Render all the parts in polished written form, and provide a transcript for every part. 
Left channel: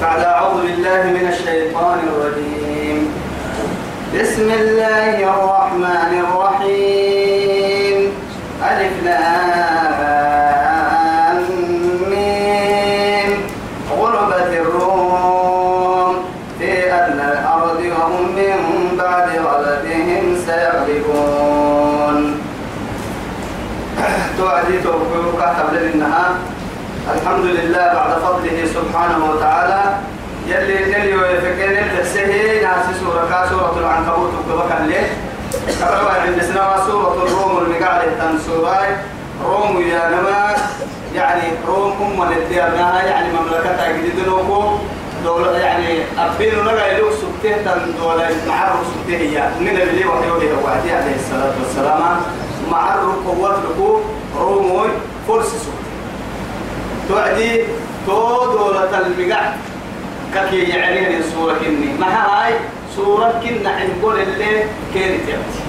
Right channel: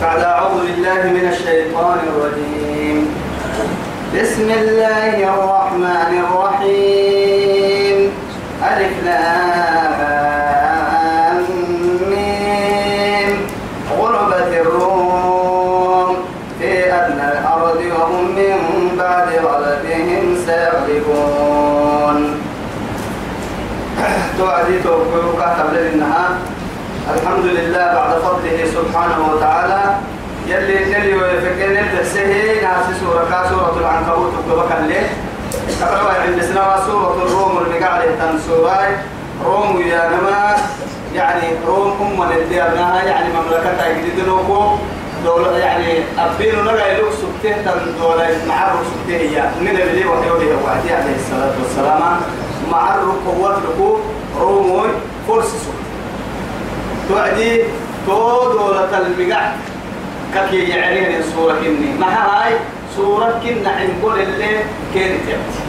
بعد أعوذ بالله من الشيطان الرجيم. بسم الله الرحمن الرحيم. ألف لام ميم. غلبت الروم في أدنى الأرض وهم من بعد غلبهم سيغلبون. توعدي توقعك قبل النهار. الحمد لله بعد فضله سبحانه وتعالى يلي نلي ويفكين التسهيل ناس سورة العنكبوت وكبك الليل أقرأ عند سنة سورة الروم المقالة تنسوراي روم يا نما يعني روم الديارناها يعني مملكة جديدنوكو دولة يعني أبين نجا يلوك سبته دولة معرف سبته هي من اللي وحيه وعدي عليه الصلاة والسلام معرف قوات لكو روموي فرس سبته توعدي دولة المقع كي يعني الصورة كني ما هاي صورة كنا نقول اللي كانت يبتي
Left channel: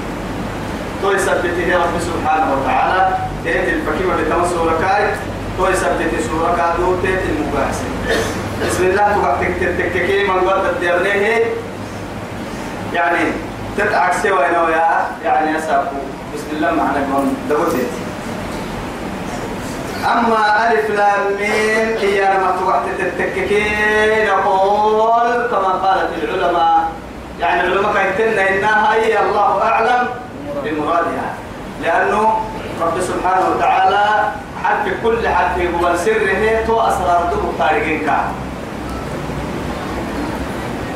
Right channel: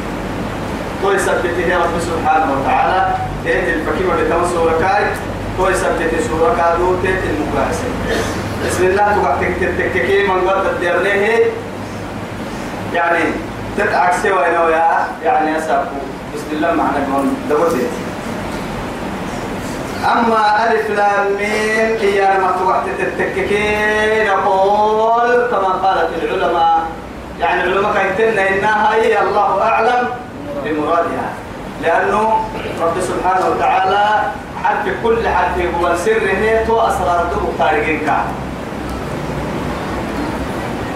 تو يثبتها رب سبحانه وتعالى تيت الفكيمة لتم صورة كاي تو يثبت صورة كادو تيت المقاسم بسم الله تكتكي من قد الدرنيه يعني تتعكسي وينو يعني أسابو بسم الله معنا قول دبوتي أما ألف لام ميم هي لما توقت التككين نقول كما قالت العلماء يعني العلماء كيتنا إنها هي الله أعلم بمرادها لأنه رب سبحانه وتعالى حد كل حد هو سره تو أسرار دو خارجين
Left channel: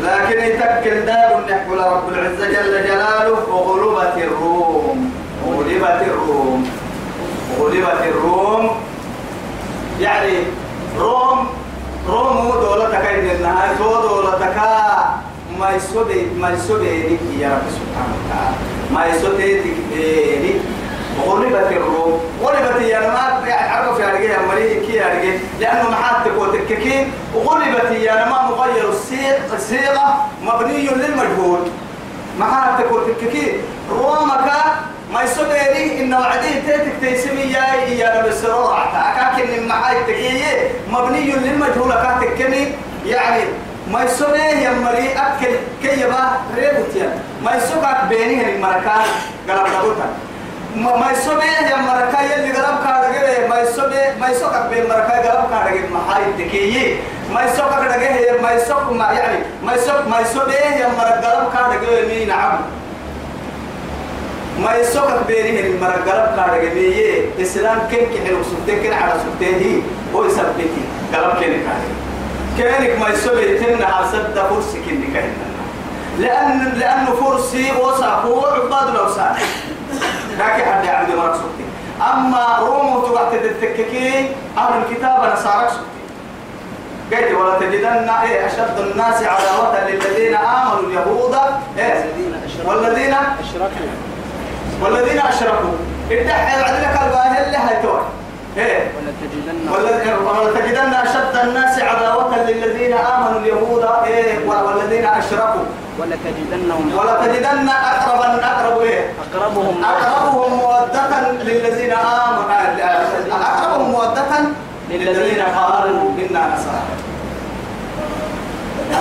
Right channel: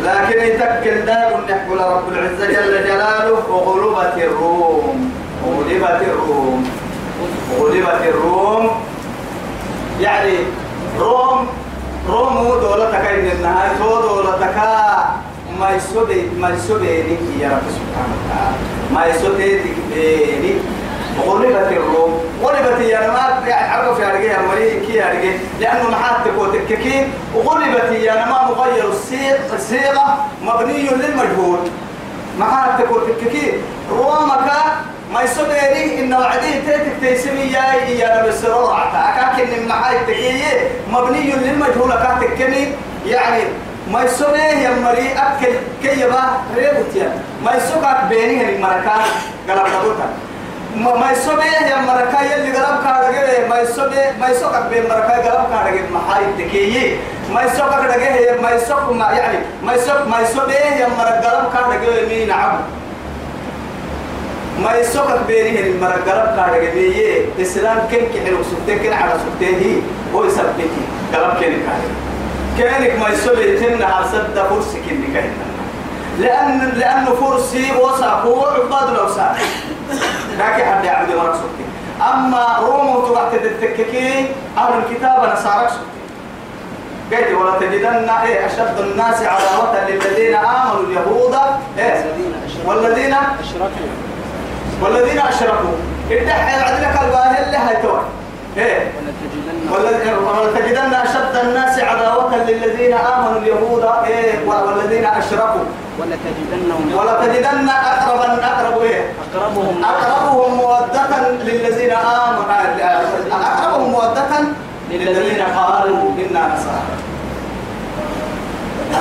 لكن يتكل دار نحكي رب العزة جل جلاله وغلبت الروم غلبت الروم يعني روم دولتك إن النهاية دولتك ما يسودينك يا رب سبحانه وتعالى ما يسودينك غلبت الروم غلبت يا نما يعني عرف يا رجال مريء كي يا رجال لأنه محاتك وتككين غلبت يا نما مغير الصيغة مبني للمجهول محاتك وتككين رومك ما يسوديني إن وعديه تيتك تيسمي يا رب السرور أكاكن المحاي تكيه مبني للمجهول أكاكني يعني ما يسوديه يا مري أكل كيبا ريبوتيا ما يسوقك بينه المركان قلب دبوتا ما يسوديه يا مركان يلي قلب كارجه ما يسوقك بين مركان قلب كارجه محاي تكيه ما يسوقك دقيه ما يسوق ما يعني ما يسوديه يا مركان قلب كارجه مين عم ما يسوقك بينه المرقلب كارجمية إسلام كن كحلو سبتين كن على سبتين هو يثبتي قلب كن كانك ما يسوي تنا على سد فرس كن كهنا لأنه فرسي وساقو عباد لو ساق لكن حد يعبد مرق سبتين أما روم تبعت التككين أهل الكتاب نصارك سبتين قلت ولا تجدن أشد الناس عداوة للذين آمنوا اليهود والذين أشركوا ادعي عدلك الباهل اللي هيتوه ولتجدن أشد الناس عداوة للذين آمنوا اليهود والذين أشركوا ولتجدن أقربهم مودة للذين آمنوا أقربهم مودة للذين قالوا إنا نصارى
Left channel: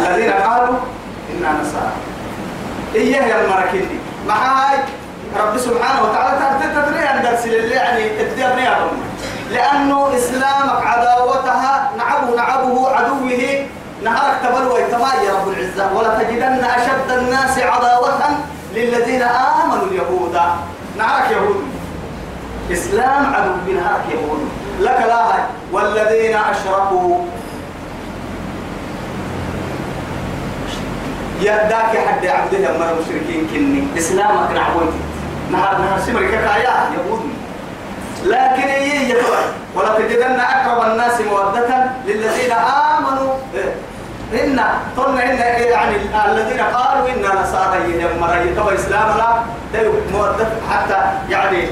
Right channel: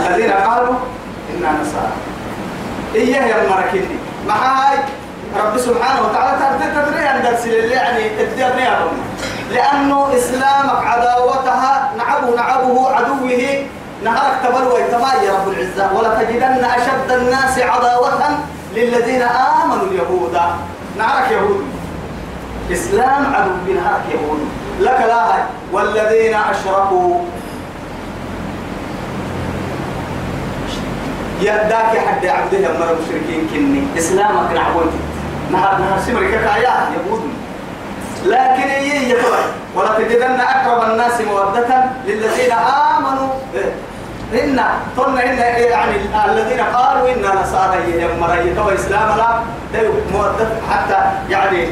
الذين قالوا إنا نصارى إياه يا المركني معاي رب سبحانه وتعالى تدري أن درس اللي يعني الدنيا لأنه إسلامك عداوتها نعبه عدوه نهارك تبلوى يا رب العزة ولا تجدن أشد الناس عداوة للذين آمنوا اليهود نهارك يهود إسلام عدو بنهارك يهود لك لا والذين أشركوا يداك حد عبده أمر المشركين كني إسلامك نعبوتي نهار سمرك كايا يهود لكن يتوى ولا تجدن أقرب الناس مودة للذين آمنوا إن يعني الذين قالوا إنا نصارى يمر يتوى إسلام لا مودة حتى يعني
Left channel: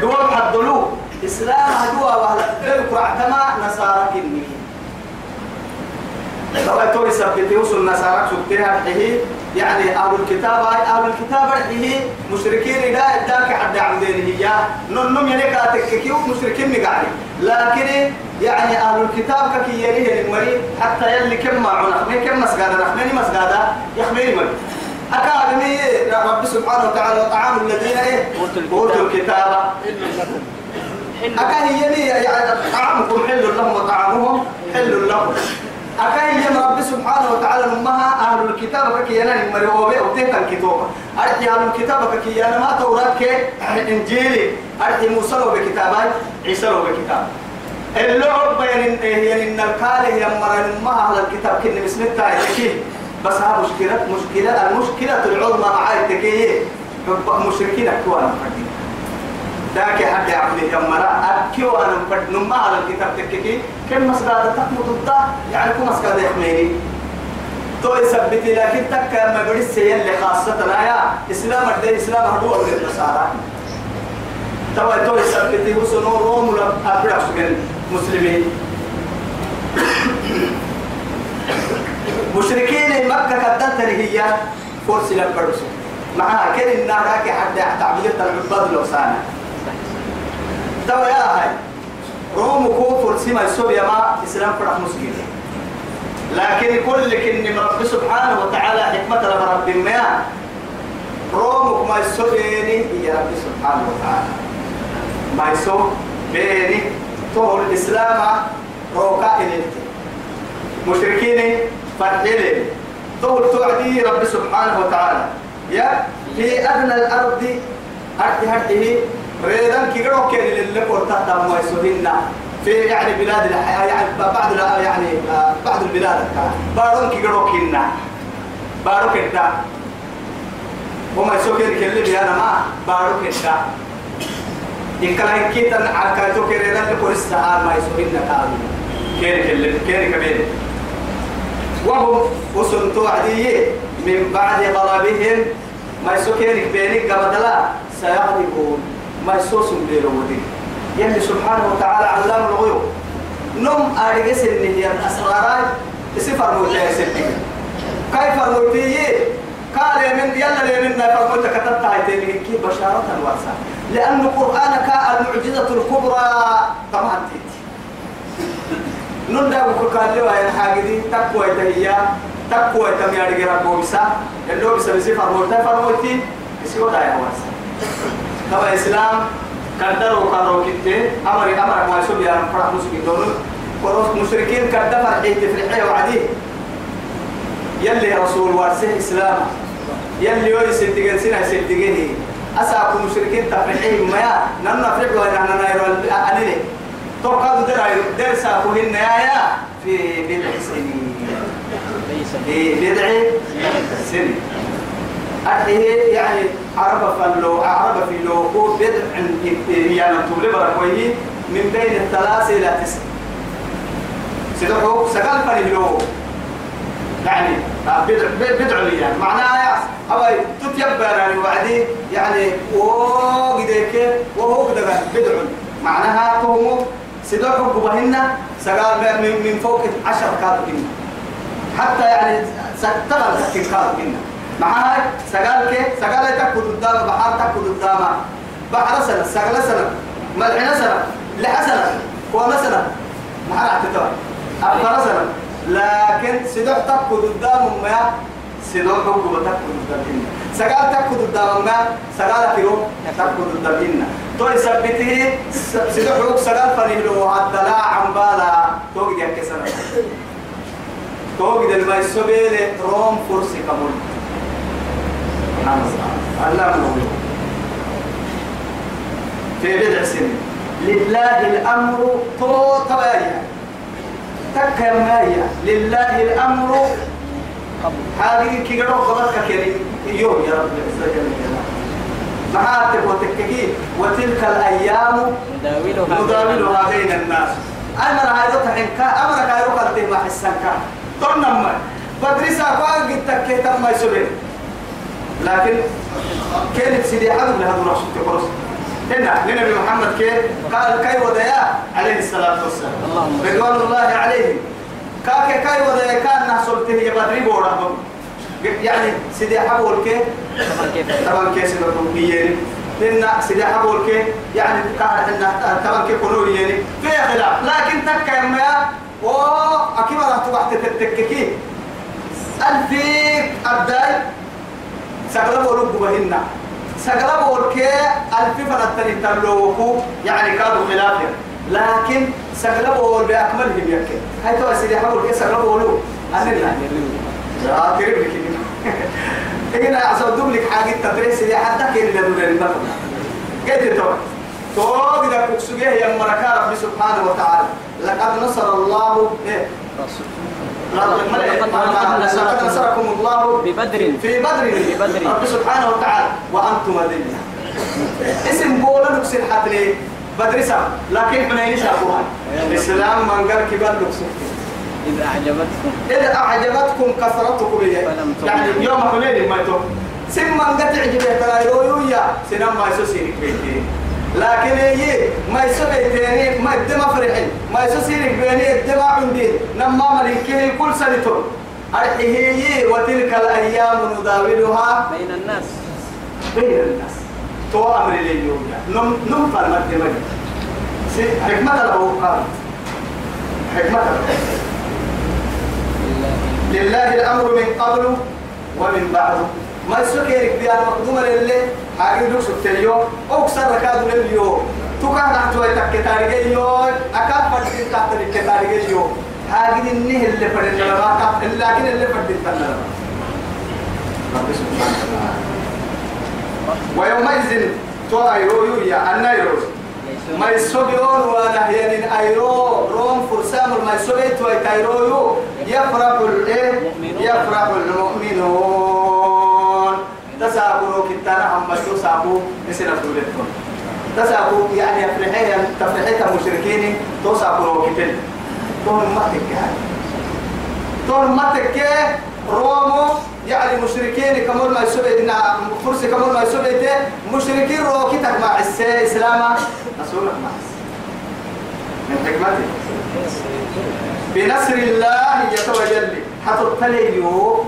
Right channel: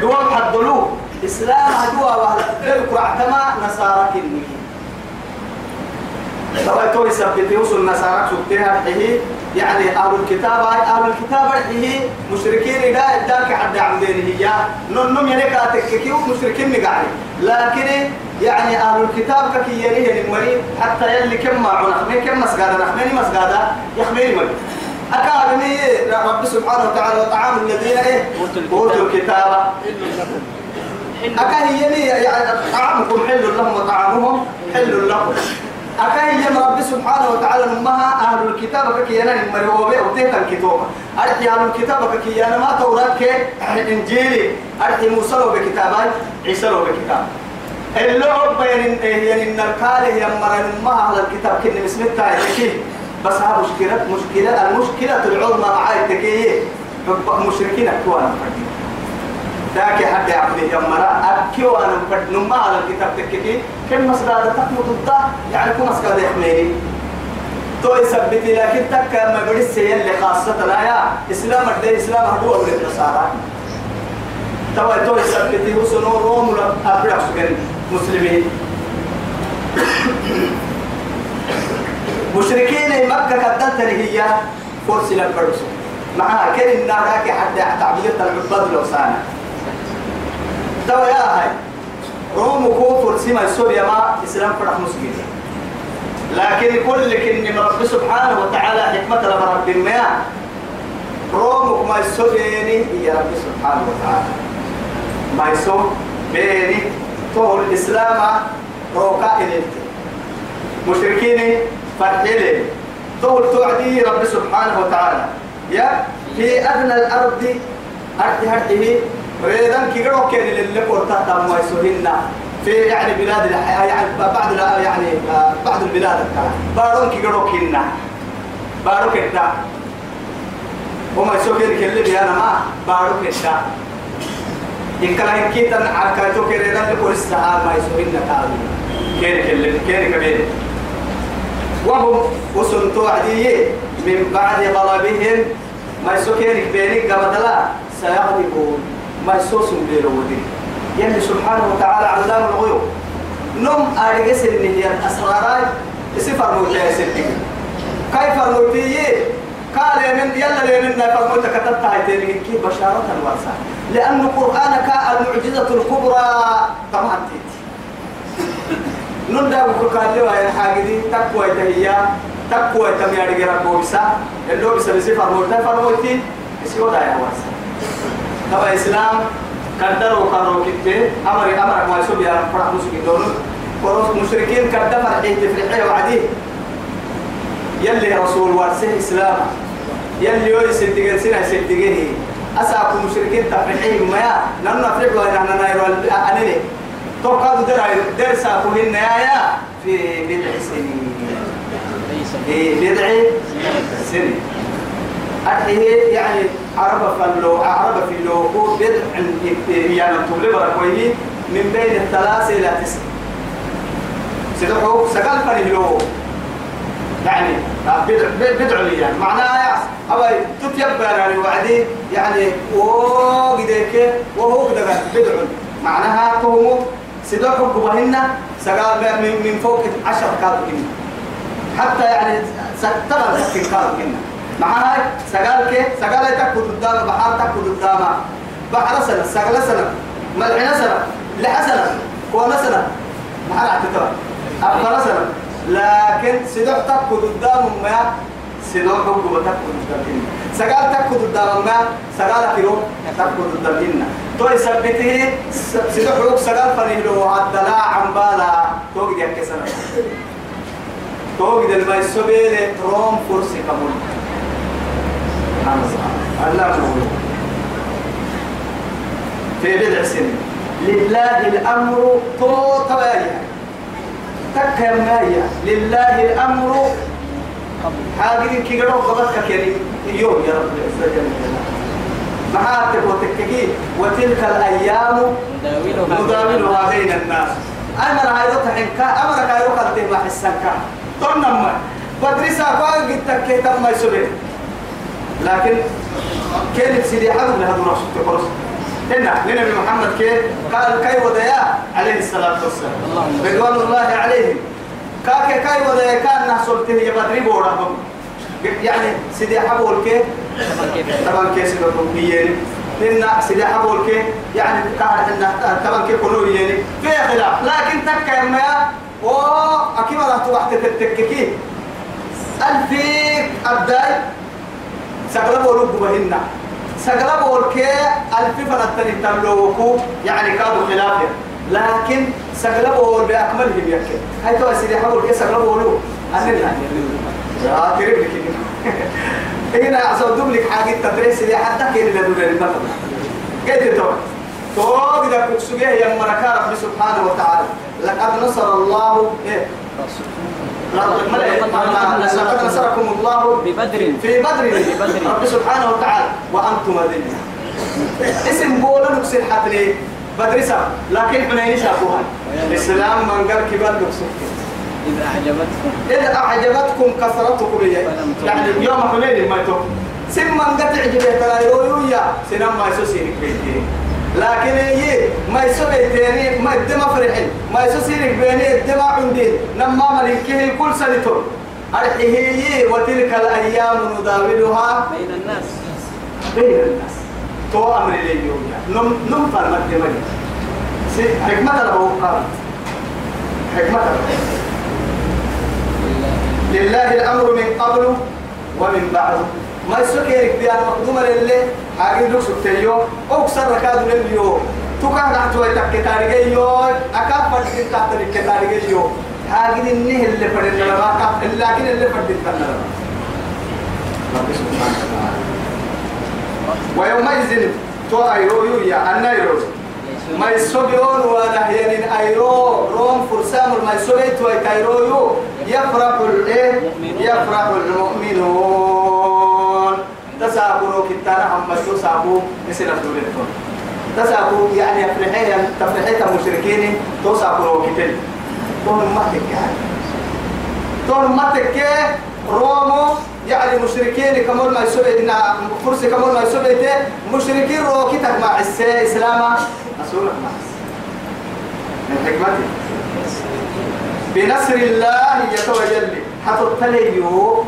دوام حدلوه إسلام هدوء وهلا يقرأ تما نصارى كني لو توي سبت يوصل النصارى سبتها حيه يعني أهل الكتاب حيه مشركين ذاك حد عمدين هي نم يلك أتككيو مشركين مقالي لكن يعني أهل الكتاب كي يليه المريض حتى يلي كم معنا كم مسجدا نحمني مسجدا يخميني مريض أكاديمي رب سبحانه وتعالى وطعام الذين إيه أوتوا الكتاب أكاهيني يعني طعامكم حل لهم وطعامهم حل لهم أكاهي رب سبحانه وتعالى نمها أهل الكتاب كي ينال مريوبة وتهت الكتابة أرحي أهل الكتاب كي ينال ما توراة إنجيلي أرحي موسى بكتابي عيسى بكتاب اللعب يعني إن الكاله يمر نمها أهل الكتاب كن مسمتها يكيه بس ها المشكلة العظمى معاي تكيه مشركين أكوانا فردين ذاك حد عبده يمرا أكوانا فرد نمها على الكتاب تكيه كم مسجد تقمد الضا يعني كم مسجد يحميني تو يثبتي لكن تك ما بدرس اللي خاصة لا يا إسلام الدين إسلام هو من النصارى تو يثبتي هو سنو روم ولا أبرع سجن مسلمين مشركين مكة كدلت هي فرس لبرس معها كل النار حتى تعبدت العباد لو سانا تو يا هاي روم كفر سما سوريا ما إسلام فرح مسلمين لكن كل كن رب سبحانه وتعالى حكمة لرب ما روم ما يسويني يا رب سبحانه وتعالى ما يسوي بيني طول الإسلام روكا إليك مشركين فرحيلي طول توعدي رب سبحانه وتعالى يا في أدنى الأرض هرته ريدان كيرو كان اللي قرطة ما يسوينا في يعني بلاد يعني بعض البلاد بارون كيرو كنا بارو كدا وما يسوي كل اللي أنا ما بارو كدا إن كان كيتن عكايتو كريدان لقرصة ما يسوينا كان كبير وهم وسنتو عدي من بعد غضبهم ما يسوكينك بينك قبضلا سيغضبون ما يسوسون بيرودي يلي سبحانه وتعالى علام الغيوب نم أرجس النهي الأسرارات سفر موتى سنتي كيف موتي قال من يلا لمن فرموت كتبت هاي كي بشارة ورسا لأن القرآن كالمعجزة الكبرى طبعا نندا وكان له هاي الحاجة دي تقوى تهيا تقوى تميار جرا بوسا اللي هو بسبب فرموتة فرموتي يسوي ده يا واسا طبعا الإسلام قدر وقرر كده أمر ما يسوي يا فرح مسلمين دول كروس مشركين قدر فرحية فرحية وعديه يلي رسول وارسه إسلام يلي يصدقين سنة يصدقيه أساكم مشركين تفرحين ما نفرح وإننا نيرو أنني توقعوا درسا كهن يا في بضع سنين في بضع سنين أرحيه يعني عرب في اللو بضع يعني تبلي بركويه من بين الثلاثة إلى 9 سيدحو سقال فريلو يعني بدع لي يعني معناها أو تتيبر وعدي يعني وقديك وهو كده بدع معناها تومو سيدوكم قبهن سقال من فوق 10 كاتبين حتى يعني تغل 60 كاتبين معها سقال تكود قدام بحر تكود قدام بحر سنة سقال سنة ملحنا سنة لحسنة ومسنة بحر اعتتار أفضل سنة لكن سيدوك تكود قدام ما سيدوك قبه تكود قدام سقال تكود قدام ما سقال كيلو تكود قدام تو يثبته سيدوك سقال فريلو الدلاع عن بالا توقد يكسر توقد الميسوبيل روم فرسي كمول الله في بضع سنين لله الأمر طوطايا تكمايا لله الأمر هذه كي قالوا قبضك كريم يوم يا رب العزة جل جلاله معاتب وتككي وتلك الأيام نداولها بين الناس أمر هايدو تحنكا أمرك هايدو قلتي ما حسنكا طنما بدرسا قاعد تككي تم يسبين لكن كانت سيدي حدو لهذا رسول تقرص هنا لنبي محمد قال كي وديا عليه الصلاة والسلام رضوان الله عليه كي وديا كان نحصل تهي بدري بورهم يعني سيدي حبول طبعا كيس الربيين لأن سلاح بولك يعني كان إنه تمام كيف كنوا يعني في خلاف لكن تك ما وأكيد راح توقت تتككي الفيك أبداي سقلا بولك بهنا سقلا بولك الف فنتني تملوكو يعني كادوا خلافه لكن سقلا بول بأكملهم يكين هاي تو سلاح بولك سقلا بولو أنا لا قريب لك هنا أصدق لك حاجة تدرس اللي حتى كين اللي دول المفروض قلت تو إذا كنت سجيه يا مركا رب سبحانه وتعالى لقد نصر الله إيه لقد نصركم الله ببدر في بدر رب سبحانه وتعالى وأنتم أذلة اسم بولا نكسر حتى بدر سام لكن حنين شافوها الإسلام من قال كبار نكسر إذا أعجبتكم كثرتكم يعني يوم حنين ما يتوب سمى قد عجبت ترى يويا سنم ما يسوسينك بيتي لكن هي ما يسوي ما الدم فرحين ما يسوسينك بيني الدم عندي نما ملكه كل سنة هي وتلك الأيام نداولها بين الناس تو أمر لي يويا نم فرمت دمني حكمة له قال حكمة لله الأمر من قبل ومن بعد ما يسكرك بيان مقدومة لله حاجة دوك سكتيو أو كسر ركادو لليو توكا نحتوى تكتاريجيو أكاد فردين تكتاريجيو حاجة النه اللي فردين لما لكن اللي فردين تنلما رب سبحانه وتعالى ويومئذ تو أيرو يا النيرو ما يسوبيون ولا هينين أيرو روم فرسام ما يسوبي تو أيرو يفرح يفرح المؤمنون تسابوا كتانا هم تسابوا مثل فلولتهم تسابوا يعني تفرحين المشركين تسابوا كتير تون ما تكه تون ما تكه رومو يعني مشركين كمول ما يسوي إن فرس كمول ما يسوي ده مشركين روكتك مع الإسلام أسولك مع من حكمته بنصر الله يتوجل حتى التليو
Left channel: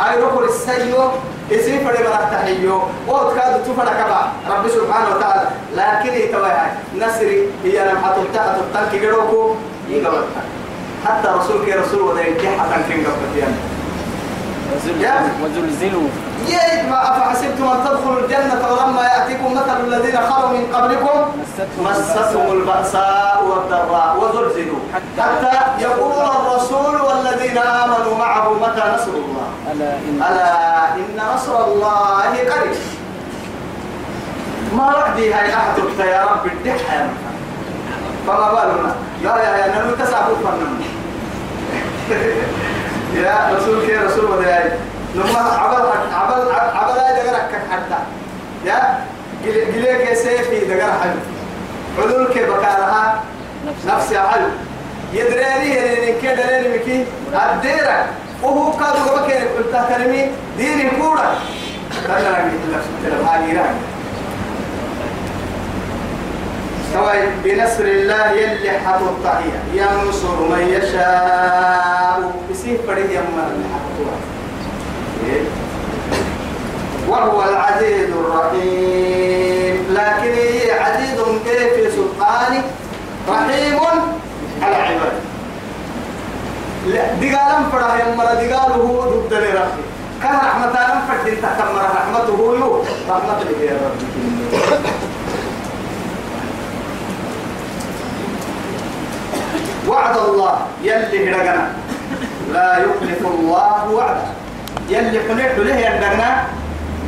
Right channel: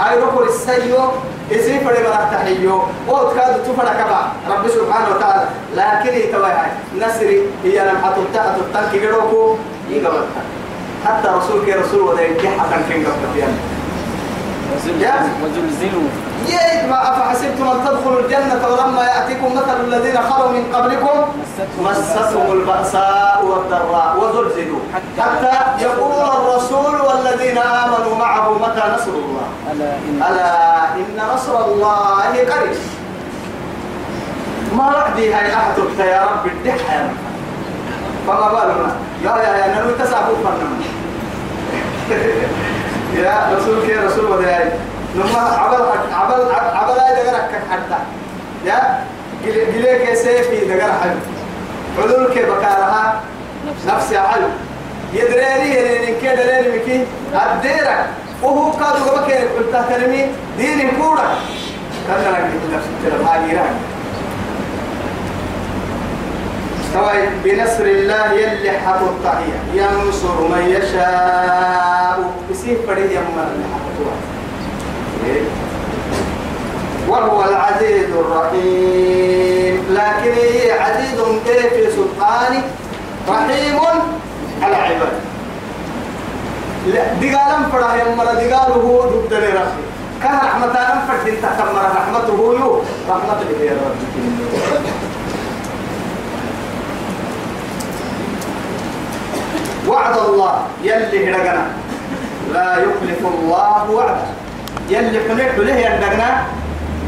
أي ركور السيو يسير فريق التحيو وتكاد تفرق كبا رب سبحانه وتعالى لكن يتوجه نصري هي لم حتى التلك جروكو يقبلها حتى رسولك رسول وذلك حتى كن قبل وزلزلوا ما أفحسبتم أن تدخلوا الجنة ولما يأتيكم مثل الذين خلوا من قبلكم مستهم البأساء والضراء وزلزلوا حتى يقول الرسول والذين آمنوا معه متى نصر الله ألا إن نصر الله قريب ما رأدي هاي أحد يا رب الدح يا رب فما بالنا يا ننو تسعبوا فنم يا رسولك يا رسول وداي لما عبل هاي دقرك حتى يا قليك سيفي دقر حلو حلولك بكارها نفسي حلو يدريني إن كده لين مكي أديرك وهو كادو قبك قلت كلمي ديني كورا كان أنا قلت نفسي كلام هاجيران استوى بنصر الله يلي حط الطعية ينصر من يشاء بسيف فريد يمر اللي حطوها وهو العزيز الرحيم لكن هي عزيز في سلطانه رحيم على عباده دقالم فرح يمر دقاله ضد لرحمه كان رحمتنا فرد تكمر رحمته يو رحمة الله يا رب وعد الله يلي هرقنا لا يخلف الله وعده يلي حنيت له يندقنا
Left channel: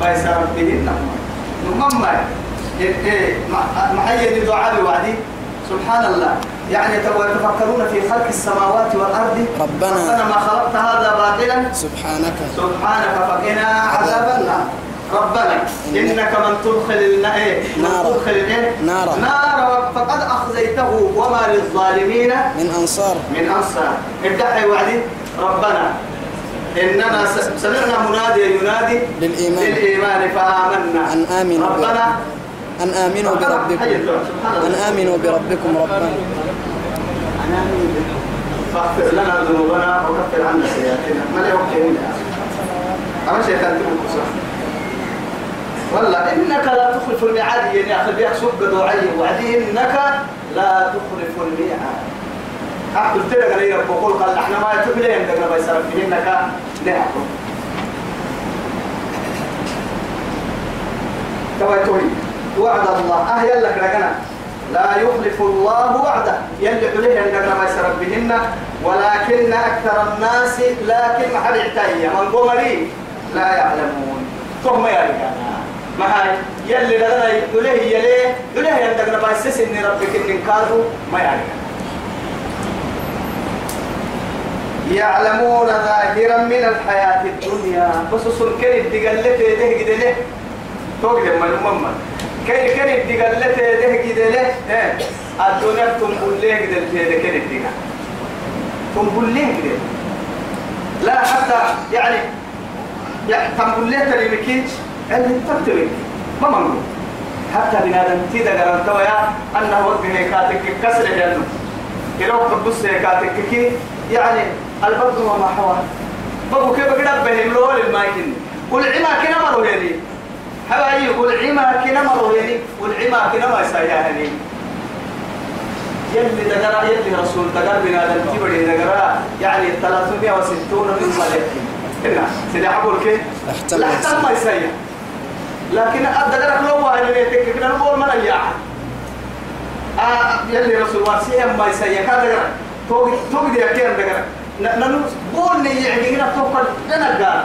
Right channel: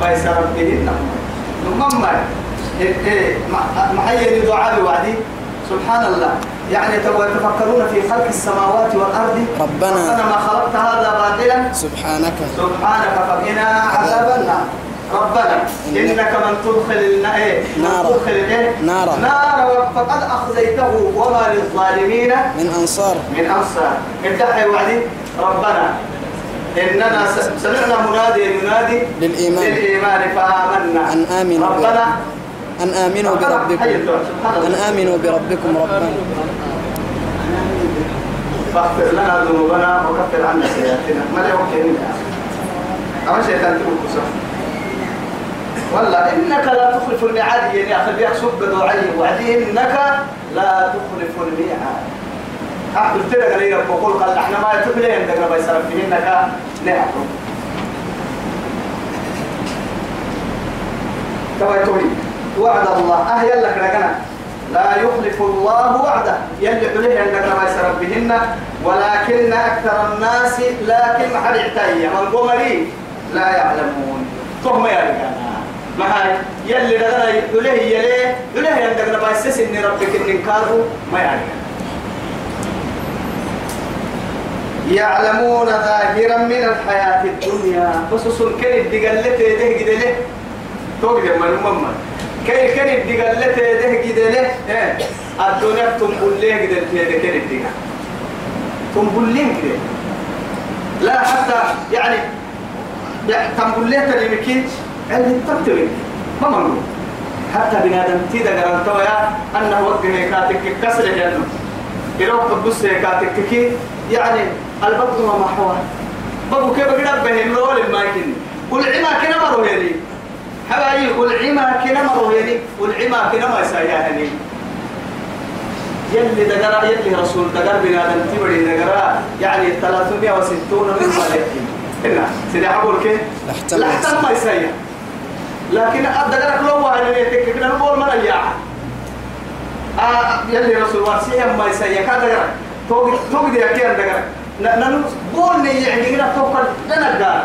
بيسر به النعمة نمما محيي دعاء وعدي سبحان الله يعني يتفكرون في خلق السماوات والأرض ربنا ما خلقت هذا باطلا سبحانك فقنا عذاب النار ربنا إنك من تدخل نار فقد أخزيته وما للظالمين من أنصار ابدأ وعدي ربنا إننا سمعنا منادي ينادي للإيمان فآمنا أن آمنوا بربكم ربنا فاغفر لنا ذنوبنا وكفر عنا سيئاتنا ما لا يوكلنا أما شيطان تقول والله إنك لا تخلف الميعاد يعني أخذ بيك سب دعي وعدي إنك لا تخلف الميعاد أحد تلقى لي بقول قال إحنا ما يتبلي عندنا بيسرف فيه إنك نعم توي وعد الله يلا كنا لا يخلف الله وعده يلي عليه أنك ما يسرف بهن ولكن أكثر الناس لكن ما حد يعتيه من قمري لا يعلمون فهم يا رجال ما هاي يلي لنا يليه عندك نبى يسس إن ربك إن كارو ما يعني يعلمون ظاهرا من الحياة الدنيا بس سنكر الدجالة ده كده له توقف من كي كان الدجالة ده كده له الدنيا تنبل له كده كان الدجال تنبل له كده لا حتى يعني تنبل له تريمكين اللي تكتبك ما منقول حتى بنادم تيدا قرانتوا يا أنه وجه كاتك كسر جنو يروح تبص كاتك كي يعني البطن وما حواه بابو كيف قد بهن لول الماكين والعما كنا مروا يعني حبايي والعما كنا مروا يعني والعما كنا ما يسايعني يلي دقرا يلي رسول دقر بنادم تبري دقرا يعني 360 من صالحين هنا سيدي حقول كيف لحتى ما يسايا لكن أدقرك لو واحد يتك كنا نقول من أياها يلي رسول واسيهم ما يسايا كذا توقي دي أكيد دقرك ننو بولني يعني هنا توقع لنا الدار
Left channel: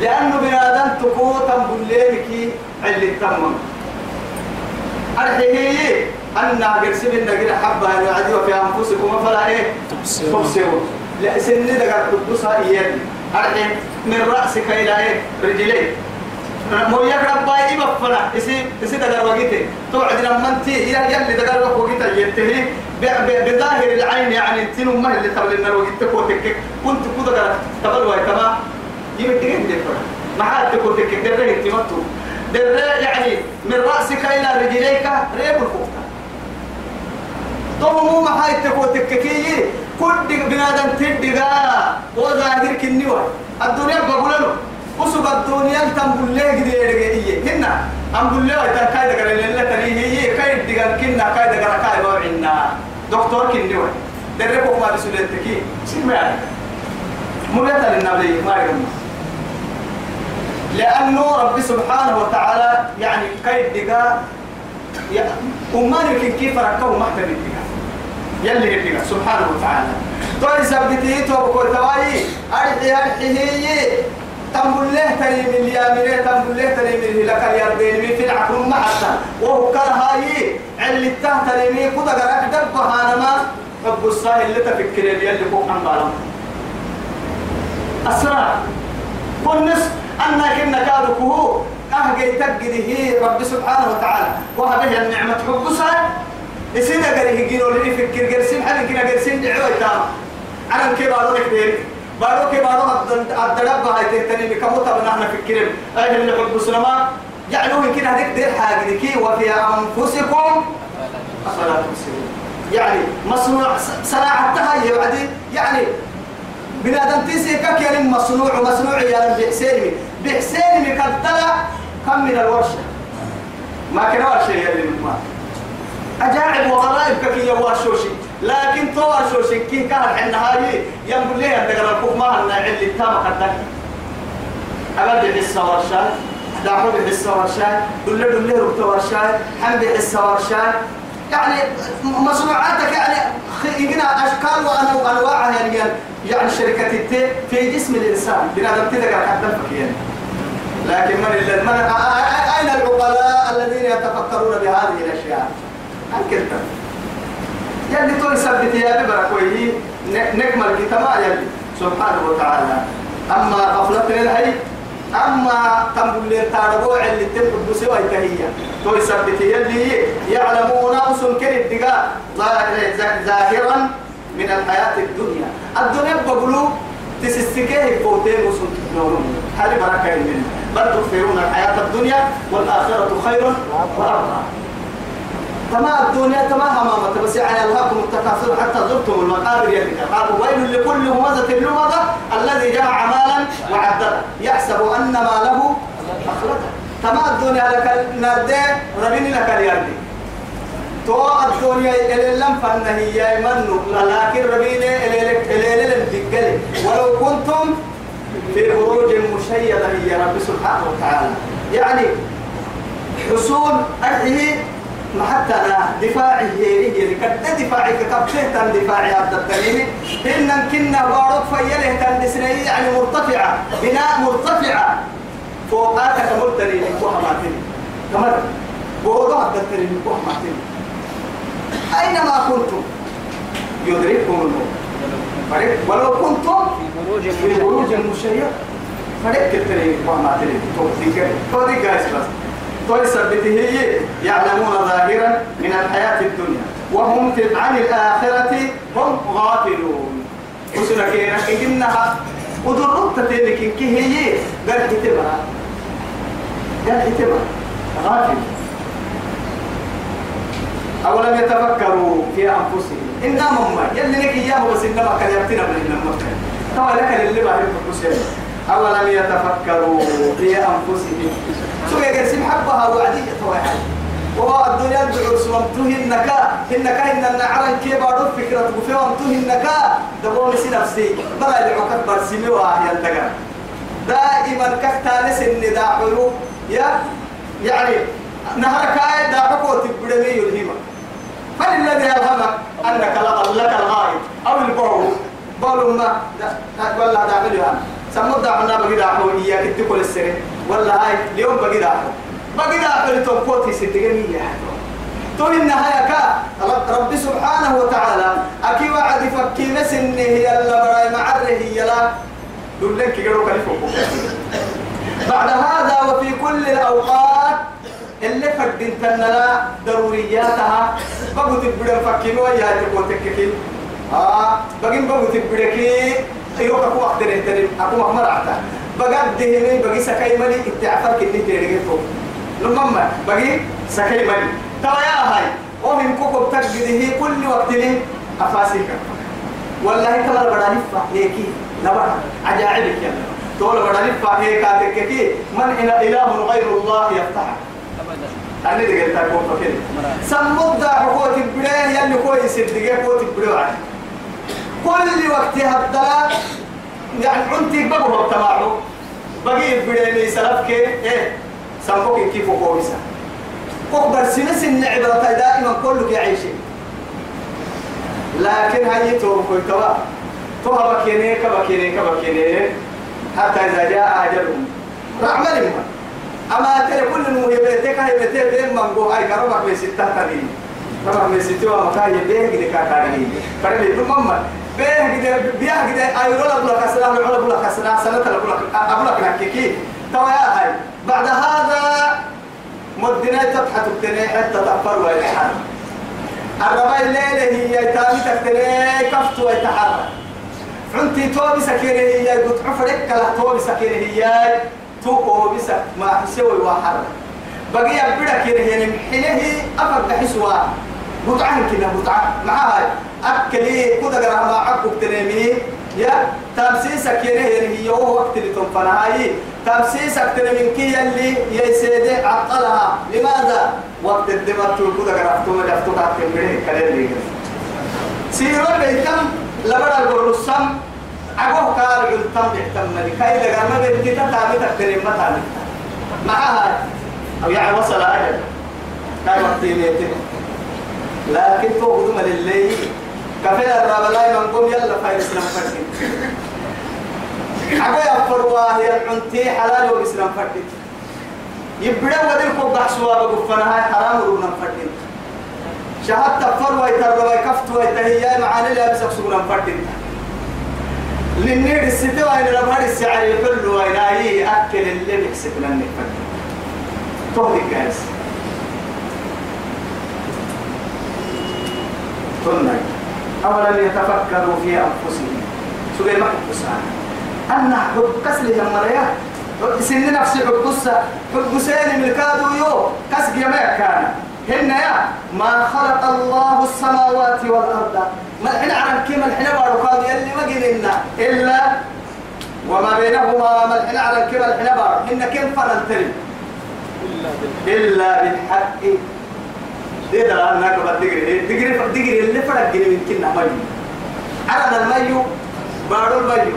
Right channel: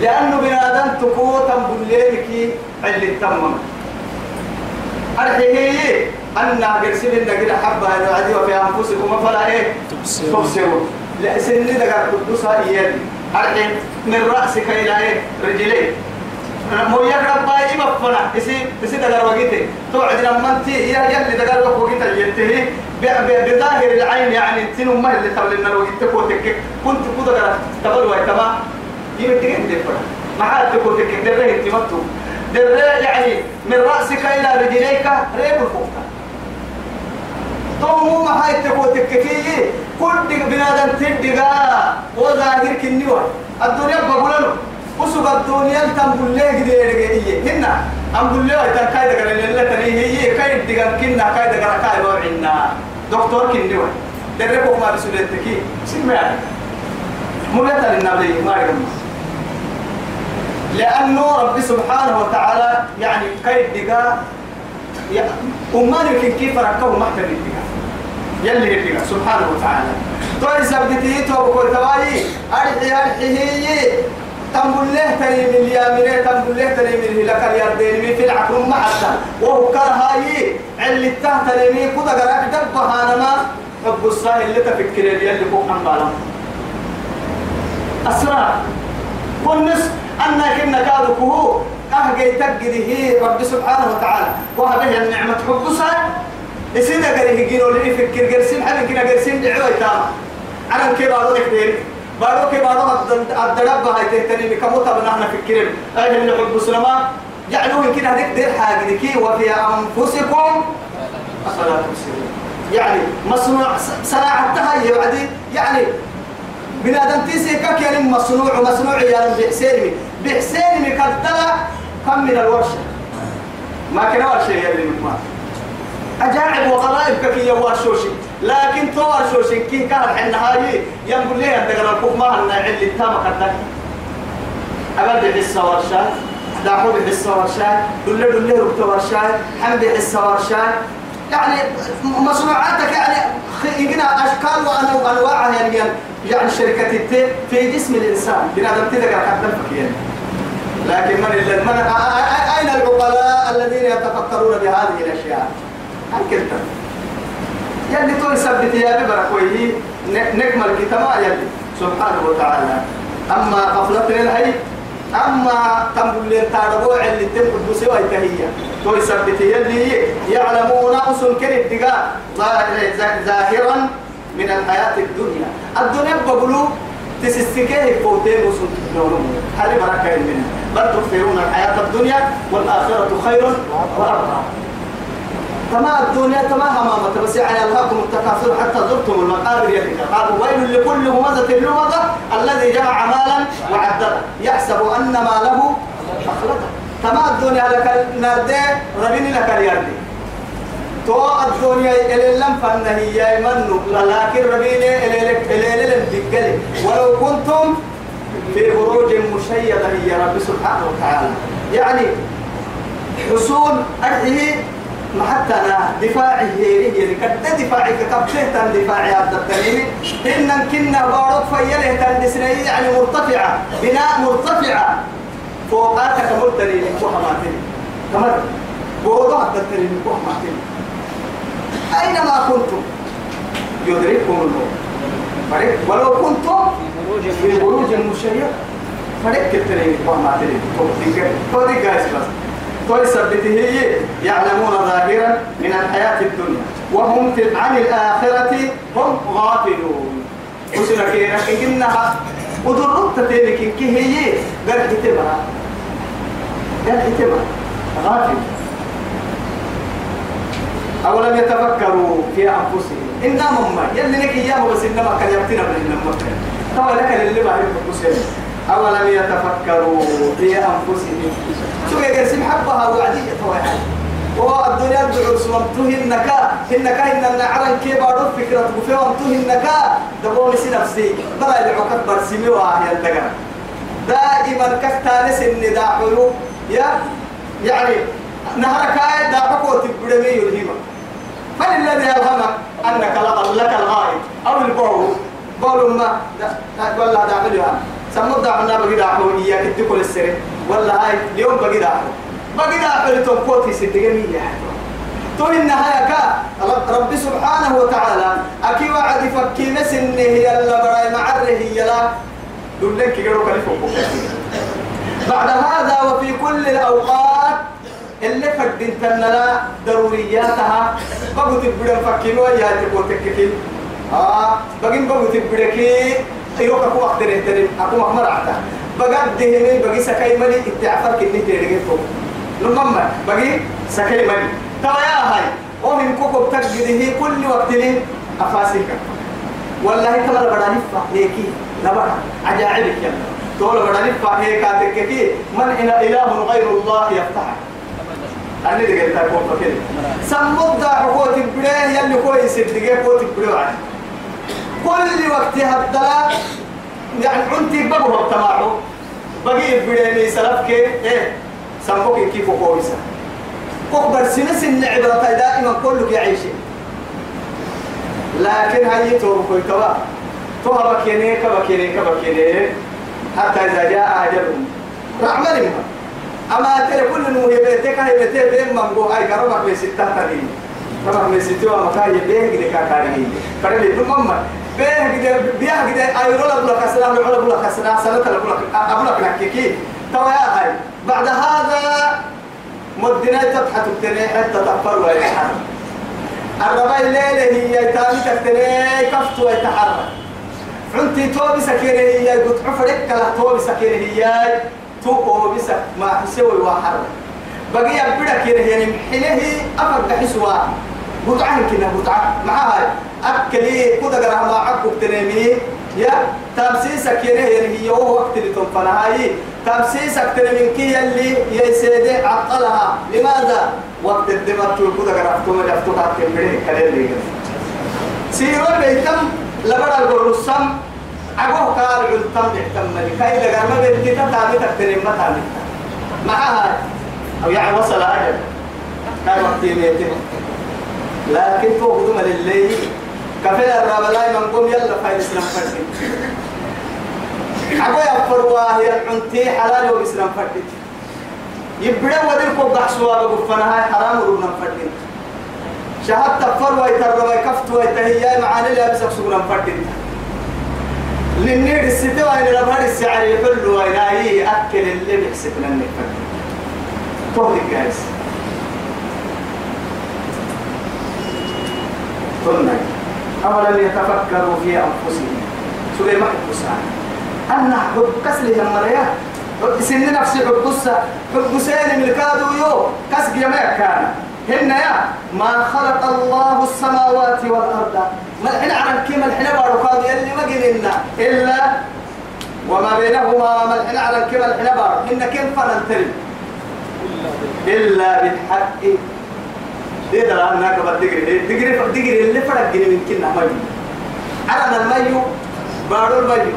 لأنه بنادم تقوتم بليلك اللي تمم الحقيقي أن قرسل النقل حبة أن في أنفسكم فلا إيه تبصروا لا سن دقر قدوسها إيادي الحين من رأسك إلى إيه رجليك مو يقرب باي مفنا يسي دقر وقيته توعد لما انت يلي دقر وقيته ينتهي بظاهر العين يعني انت ما اللي تبل النار وقيتك وتكك كنت كده تبل واي تمام يمتك انت ما حد تقول تكك دره انت مكتوب دره يعني من رأسك إلى رجليك ريب الفوق تو ما حد تقول تككي كل بنادم تدقا وظاهر كنيوه الدنيا بقول له وسوق الدنيا تنقول له كده هنا أقول له إذا كايد قال لله تري هي كايد دقان كنا كايد قال كايد وعنا دكتور كنيوه دربوا ما بسولتكي سمع مريتا للنبي ما يرمى لأنه رب سبحانه وتعالى يعني كايد دقا وما يمكن كيف ركبوا محتل الدقا يلي الدقا سبحانه وتعالى توي سبتي تو بقول تواي أرحي هي تنقل له تري من اليامين تنقل له تري من الهلاك اليردين في العقل ما حتى وهو كرهاي اللي تهتري من كذا قرأت دبها أنا ما حب الصاهل اللي تفكر اللي فوق عن بالهم أسرع والنس أنك إنك هذا كهو أهجي تجده رب سبحانه وتعالى وهذه النعمة حب الصاهل يصير قريه يجينوا اللي يفكر قرسين حد كنا قرسين دعوة تام أنا كيف أقول لك بارو كي بارو الدرب هاي تهتني بكموتا بنحنا فكرين أهل اللي حب السلامة يعلوه يمكن هذيك دير حاجة كي وفي أنفسكم أفلا تبصرون يعني مصنوع صناعتها يعني بنادم تيسي كك يعني مصنوع يعني بحسيني كالتلا كم من الورشة ما كان ورشة يلي ما أجاعب وغرائب كي يوارشوشي لكن توارشوشي كي كان عندها هاي ينقل لي أنت قرر الكوف ما هنا اللي تام قدك أبدا حسة ورشات داحو بحسة ورشات دل ربط ورشات حمد حسة ورشات يعني مصنوعاتك يعني يجينا أشكال وأنواع يعني الشركات في جسم الإنسان بنادم تدقى كدفك يعني لكن من أين العقلاء الذين يتفكرون بهذه الأشياء أنكلت يلي تقول سبت يا ببركويه نكمل كتما يلي سبحانه وتعالى أما غفلتنا الهي أما تنبل التاربوع اللي تنبل بسوى التهية تقول سبت يلي يعلمون أصل كريم دقاء ظاهرا من الحياة الدنيا بقولوا تسستكيه فوتين وصل نورهم هذه بركة منها بل تكثرون الحياة الدنيا والآخرة خير وأرضى تما الدنيا تما همامة بس يعني ألهاكم التكاثر حتى زرتم المقابر يدك قالوا ويل لكل همزة لمزة الذي جمع مالا وعدده يحسب أن ماله أخلده تما الدنيا لك نردي ربيني لك اليردي تو الدنيا إلى لم فنهي يمنو لكن ربيني إلى الدقل ولو كنتم في بروج مشيدة هي رب سبحانه وتعالى يعني حصول أهله محتنا دفاعه هي كد دفاعي كتبته دفاعي هذا الدليل إن كنا بارك فيله تندسني يعني مرتفعة بناء مرتفعة فوقاتك مرتني لكوهماتين كمر بوضع الدليل لكوهماتين أينما كنتم يدرككم الموت ولو كنتم في بروج مشيدة فريق كتير لكوهماتين تودي جالس بس هي يعلمون ظاهرا من الحياة الدنيا وهم عن الآخرة هم غافلون وسنا كينا إنها ودرت تلك كي هي قال كتبها غافل أولم يتفكروا في أنفسهم إنما ما يلي لك إياه بس إنما كان يبتنا من المكان طبعا لك اللي ما يفكر أولم يتفكروا في أنفسهم سوى يقسم حبها وعدية طويحة والدنيا الدعور سوامته النكا إن النعران كيبارو فكرة وفيوامته النكا دبوني نفسي بلا يدعوك برسيمي وآهي الدقاء دائما كفتانس النداء حلو يعني نهرك آية داعوك وتبدمي يلهمك فللذي ألهمك أنك لك الغائب أو البعو بقولوا ما ولا داعلها سمود داعنا بقي داعو إياك تقول السر ولا هاي اليوم بقي داعو لتوقوتي ستجميع تو النهاية رب سبحانه وتعالى أكي وعد فكينا سنه يلا براي معره يلا دولك يقولوا كلفوك بعد هذا وفي كل الأوقات اللي فردين تنلا ضرورياتها بقوا تبدأ فكينوا يا تقول تككين بقوا تبدأ يروح أكو أقدر إهترم أكو مهمر عتا بقى دهني بقى سكاي مالي اتعفر كني تيرجعتو لما بقى سكاي مالي ترى يا هاي ومن كوكب تجده كل وقت لي أفاسيك والله ترى بداني فهيكي نبأ عجائبك يا تقول بداني فهيك أتككي من إله غير الله يفتح أنا دقيت أقول فكير سمود حقوق البلاد يلي كويس دقيت حقوق البلاد كل وقت هذا يعني عنتي بقوا بتماعه بقي بدني سلفك إيه سامبوك كيف كويسة كبر سنس النعبة دائما كلك يعيش لكن هاي توقف كوا توها بكيني حتى إذا جاء أجلهم رحمة أما ترى كل إنه يبتك بين منجو هاي كربك بستة تاني ربك بستة ومكان يبيه كده كاتاني فريد تمام بيه كده أيرو لك السلام عليكم لك السلام سنة لك نحكي توا يا هاي بعد هذا مدنا تضحك تني حتى تفر ويتحرك الرباي الليلة هي تامي تكتني كفت ويتحرك عنتي توبي سكينة هي قلت عفرك كلا توبي سكينة هي تو بس ما حسوي وحرك بقي يبدأ كده يعني حينه أفرق حسوا بطعان كده بطعان معاي أكلي كده جرى ما عقب تنامي يا تمسيسك يعني هي هو وقت اللي تنفنا هاي تمسيسك تنامي كي اللي يسيد عطلها لماذا وقت الدماغ تقول كده جرى فتوم جفتو كاتم بيه كده ليه سيروا بيتم لبر البرصم أقوه قال علتم بيتم ملكاي لقى ما بنتي تتامي تكترين ما تامي معها أو يعني وصل أجل كان وقت يميته لكن توقدوا من الليل كفيل الرابلاي من قوم يلا فايد إسلام فرسين أقوى يفروا هي العنتي حلال وإسلام فرسين يبدأ ودير كوب بحسوا بقفنا هاي حرام وربنا فرسين شهادة فروا يتربى كفتوا يتهيا معاني لا بسك سورا فرسين للنير الستة وين ربها السعر يقول وين هاي أكل اللي بيحسب لنا فرسين توهي جالس قلنا أولم يتفكروا في أنفسهم سوري ما حبسها أن حب كسل المريا سن نفسي حبسين من الكادو يو كسق يما كان هن يا ما خلق الله السماوات والأرض ما الحين عرب كيما الحين بارو يلي ما قلنا إلا وما بينهما ما الحين عرب كيما الحين بارو هن كيف فننتري إلا بالحق دي ده أنا كبر دقري اللي فرق جري من كنا مايو أنا المايو بارو المايو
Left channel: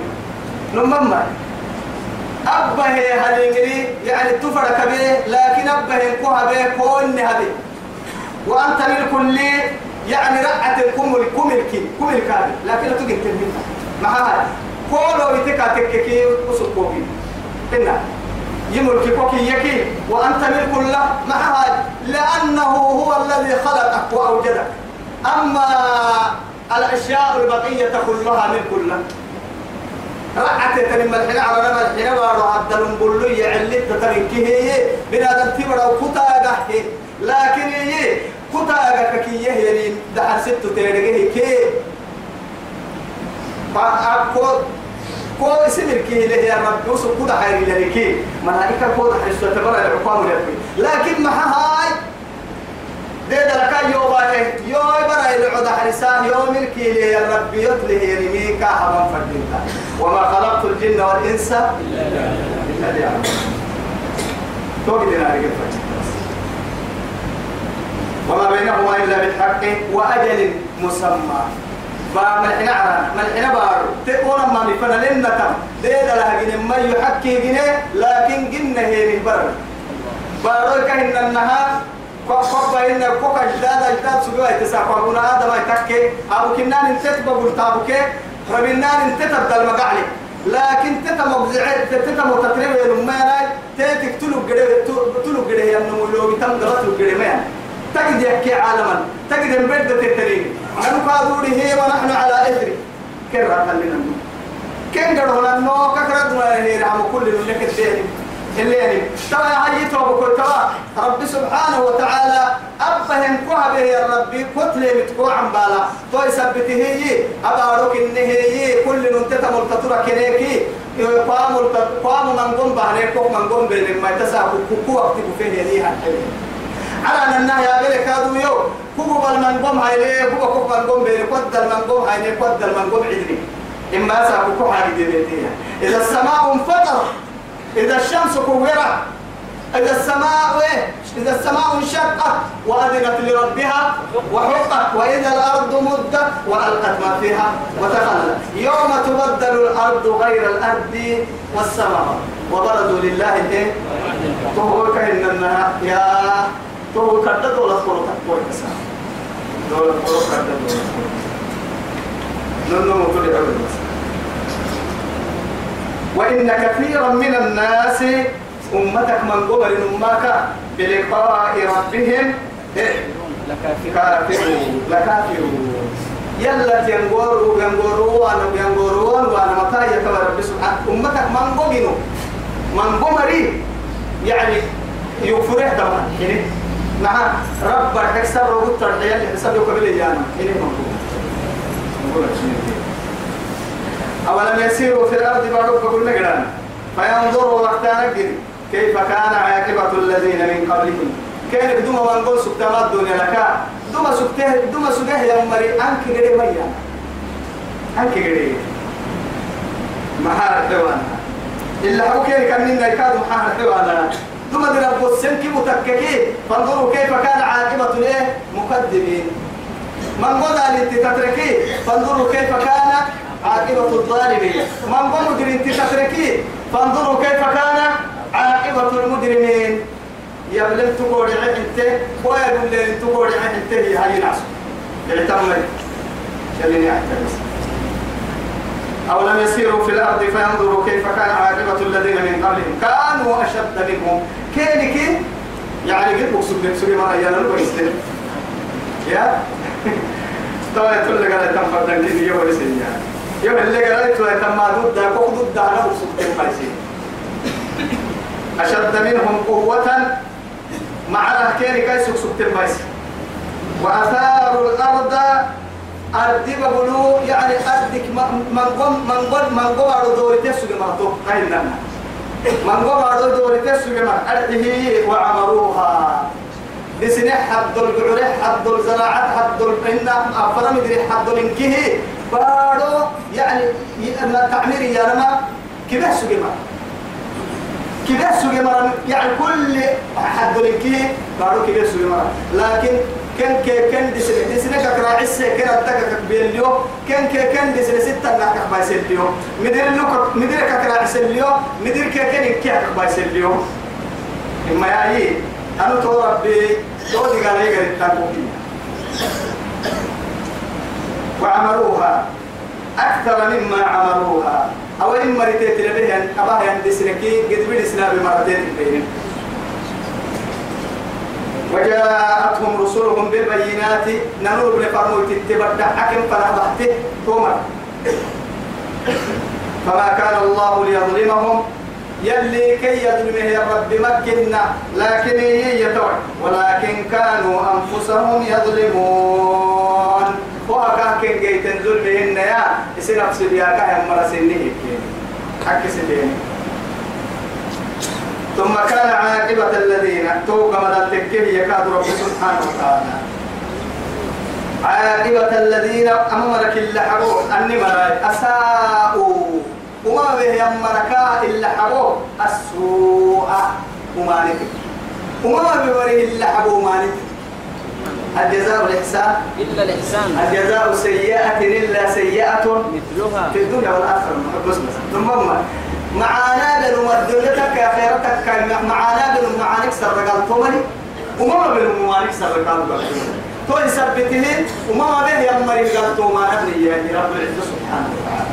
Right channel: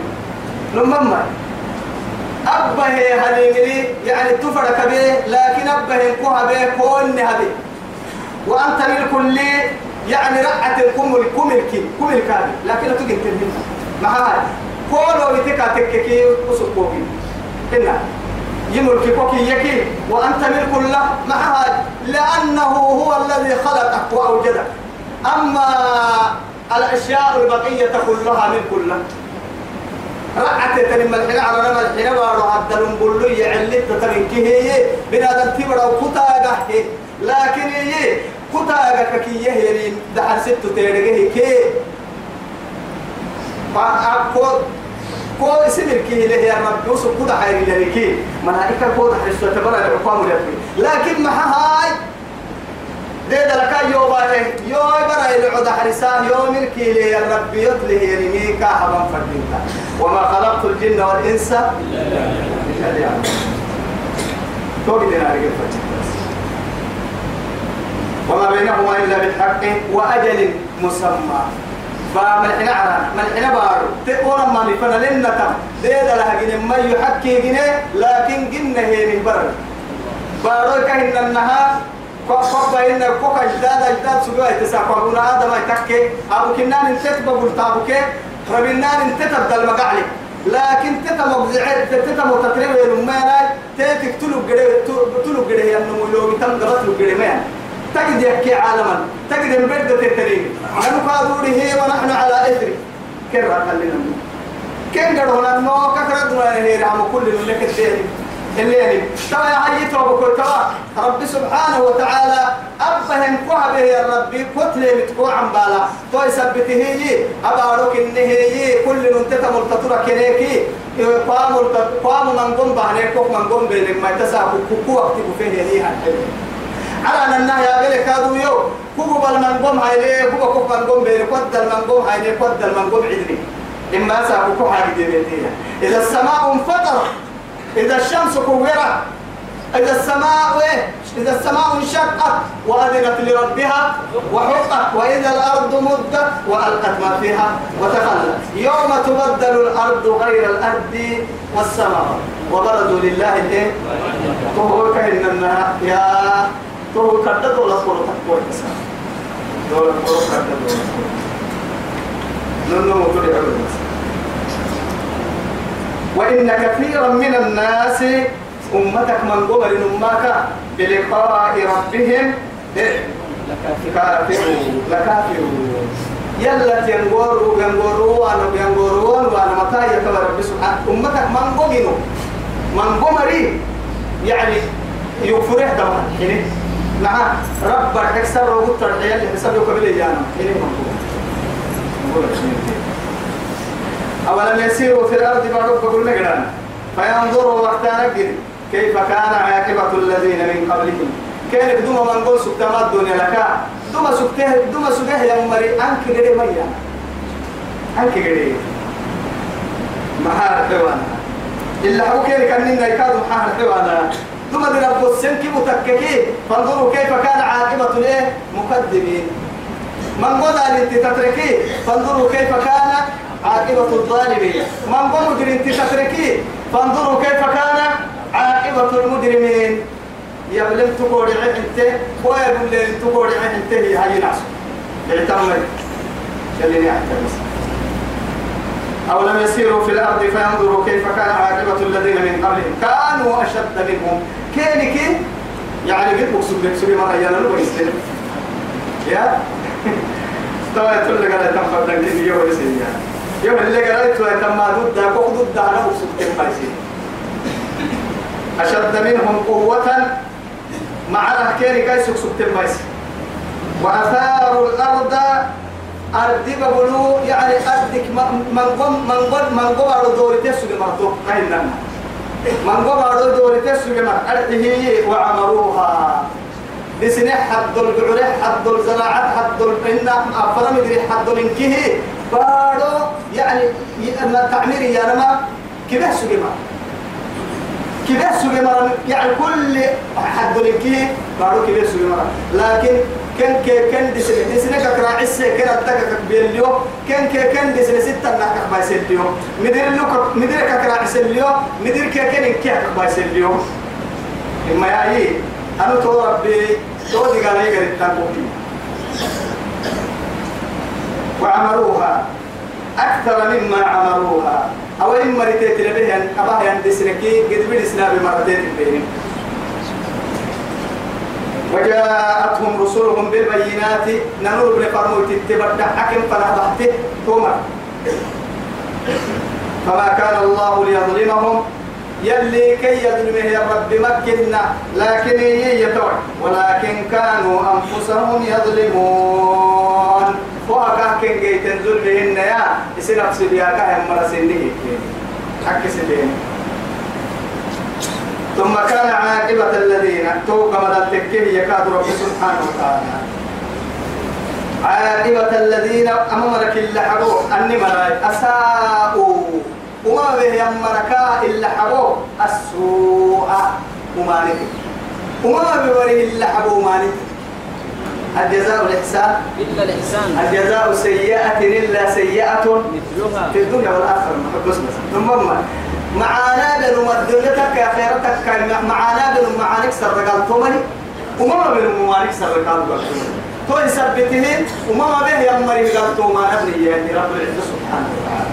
نمم أبه هاليمري يعني تفرق به لكن أبه كوها به كون هذه وأنت للكل يعني رأت الكمل كمل كابي لكن لا تجد منها مع هذا كله يتكاتككي وسكوبي إنه يملك كوكي يكي وأنت ملك له معها لأنه هو الذي خلقك وأوجدك أما الأشياء البقية كلها ملك له رعت تنم الحين على رمى الحين وارو عبد المبلو يعلت تركيه هي بنادم تبرا وكتاغه لكن هي كتاغه كي يهين دحر ست تيرغه كي فاكو كو اسمك اللي هي رب يوسف كده حيري لك ملائكه كده حسوا تبرا العقام لكن مع هاي ده لك يوم برا العود حرسان يوم الكيل الرب يطلع يرميك حبا فردينك وما خلقت الجن والانس الا ليعبدون توجدنا على وما بينهما الا بالحق واجل مسمى فملحنا عران ملحنا بارو تقونا ما مفنا لنا تم ديدا لها جن ما يحكي جنيه لكن جنة هي مبرر بارو كهن النها كوكا إن كوكا جداد سجوا يتساقون هذا ما يتكي أبو كنان انتت بقول تابوك ربنا انتت بدل مقعلي لكن تتمبزعت تتمتترب المانا تيتك تلو جده ينمو لو بتنقلت له جده ما تجد يحكي عالما تجد مبدة الترين أنا قادوري هي ونحن على إثر كرة خلينا كن قدونا نو كثرة هي رحم كل اللي كتير اللي يعني ترى حيته بكل ترى رب سبحانه وتعالى أبهم كوها به يا ربي كتلة متكو عن بالا تو يثبته هي أبارك إن هي كل ننتت ملتطرة كنيكي قام من قم بهنيك من قم بين ما يتساقوا كوكو أكتب فيه هي على أن يا بلك هذا يو كوكو بالمنقوم هاي كوكو منقوم بين قد المنقوم هاي قد المنقوم عدني إما ساكو حاجة دينية إذا السماء انفطرت إذا الشمس كورت إذا السماء انشقت وأذنت لربها وحقت وإذا الأرض مدت وألقت ما فيها وتخلت يوم تبدل الأرض غير الأرض والسماء وبرزوا لله إيه تهو كأن النها يا تهو كدد ولا تقول تقول كسا دولة تقول كدد ولا ننو تقول يعود وإن كثيرا من الناس أمتك من قبل أمك بلقاء ربهم لكافرون يلا ينقروا وأنا متى يكبر رب سبحانه أمتك من قبل من قمري يعني يغفره دمان يعني مع رب الحكسر وقلت الحياة اللي حسابه قبل إيانا يعني من قبل أولم يسيروا في الأرض بعد فقلنا قرانا فينظروا وقتنا كيف كان عاقبة الذين من قبلهم كان دوما من قول سبتما الدنيا لك دوما سبته يا مري أنك قري ميا أنك قري محار الحيوان إلا هو كيف كان لنا يكاد محار الحيوان دوما دي رب السنك متككين فانظروا كيف كان عاقبة الايه مقدمين من قول أن تتركي فانظروا كيف كان عاقبة الظالمين من قول أن تتركي فانظروا كيف كان عاقبة المجرمين يبلن تقول انت ويبلن تقول انت هي هاي ناس اعتمد خليني اعتمد أولم يسيروا في الأرض فينظروا كيف كان عاقبة الذين من قبلهم كانوا أشد منهم كينك يعني قد بقصد ما أيانا نبغيستين يا طبعا تقول لك أنا تنفر تنجيني يوم السنة يوم اللي قرأت ويتم ضد ضد أنا بقصد تنفايسين أشد منهم قوة مع رهكين كيس سكت الميس وأثاروا الأرض أرض بقولوا يعني أرضك من قم على دوري تسوق مرتو كايننا من قم على دوري تسوق أرضه وعمروها بسنة حد الجعل حد الزراعة حد الإن أفرم يدري حد الإنكه بارو يعني التعمير يا نما كيف سوق كده سوي مرة يعني كل حد لكيه قالوا كده سوي مرة لكن كان دسنة كراع عسى كنا تكك بيليو كان دسنة ستة ناكك بايسليو مدير كراع عسليو مدير كان كيك بايسليو إما يعني أنا تورب تودي قال لي قريت تقولي وعملوها أكثر مما عملوها أو إن مرتين تلبيهن أباه يندسنكي قد بدسنا بمرتين بينهم وجاءتهم رسلهم بالبينات ننور بن فرموت تبدع حكم فنبحته تومر فما كان الله ليظلمهم يلي كي يظلمه يا رب مكنا لكن يتوع ولكن كانوا أنفسهم يظلمون وهكا كن جيتن ظلمهن يا نفس بياكا هم مرسينه حق سبين ثم كان عاقبة الذين توقع مدى يكاد رب سبحانه وتعالى عاقبة الذين أمرك اللحقوا أني مراي أساءوا وما به يمركا اللحقوا السوء ومالك وما بوريه اللحقوا مالك الجزاء الإحسان إلا الإحسان الجزاء سيئة إلا سيئة مثلها في الدنيا والآخرة ثم معانا بنو مدلتك يا خيرتك معانا بنو معانك سرقال تومني وما بنو معانك سرقال تومني تو يثبتهن وما به يمر قال تو ما نبني يعني رب العزة سبحانه وتعالى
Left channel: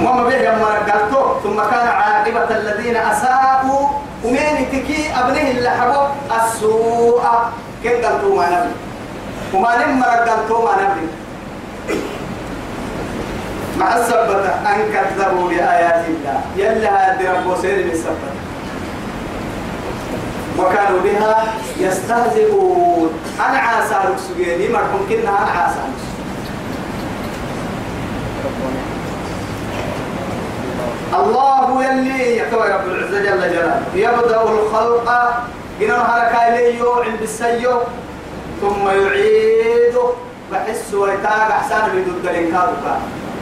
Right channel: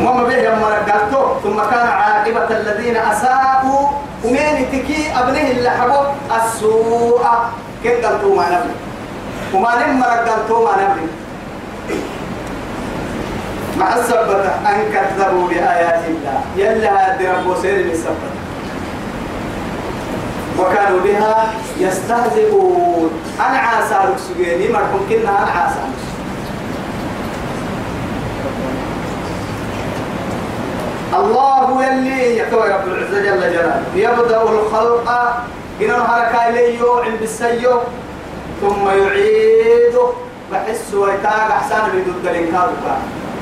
وما به يمر قال تو ثم كان عاقبة الذين أساءوا ومين تكي أبنه اللي حبوا السوء كن قال تو ما نبني وما نمر قال تو ما نبني مع السبتة أن كذبوا بآيات الله يلا هذه رب سير السبتة وكانوا بها يستهزئون أنا عاسى سجيني مرحوم كنا أنا عاسى الله يلي يكوى رب العزة جل جلاله يبدأ الخلق إنه حركة إليه عند السيو ثم يعيده بحس ويتاق أحسان بدود الإنكار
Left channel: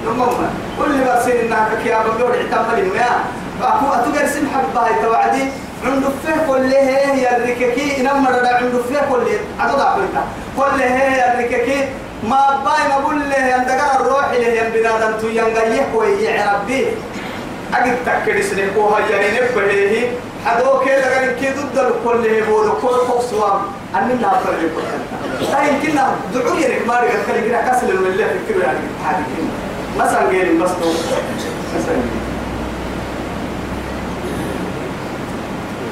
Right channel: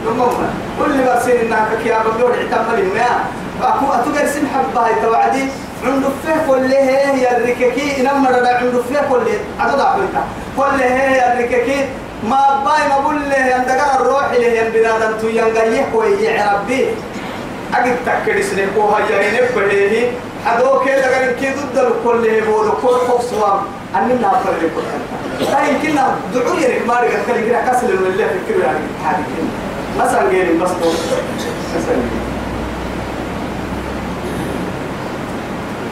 نمما كل برسين إنها كيابا بيور اعتمل الماء فأكو أتقر سمحة بهاي توعدي عنده فيه كله هي الركاكي إنما ردا عنده فيه كله أتضع بنتا كله هي الركاكي ما باي ما بقول له أنتقر الروح له ينبنادن تو ينقيه ويعرب به أجد تكر سنكوها يرينك بهيه حدوك لغن كي ضد كله بودو كل فوسوام أننا أفرق كل هاي يمكننا دعوا يرك ما رجع خلي كده كسل الملة في كل يعني هذه مثلا غير بس مثلا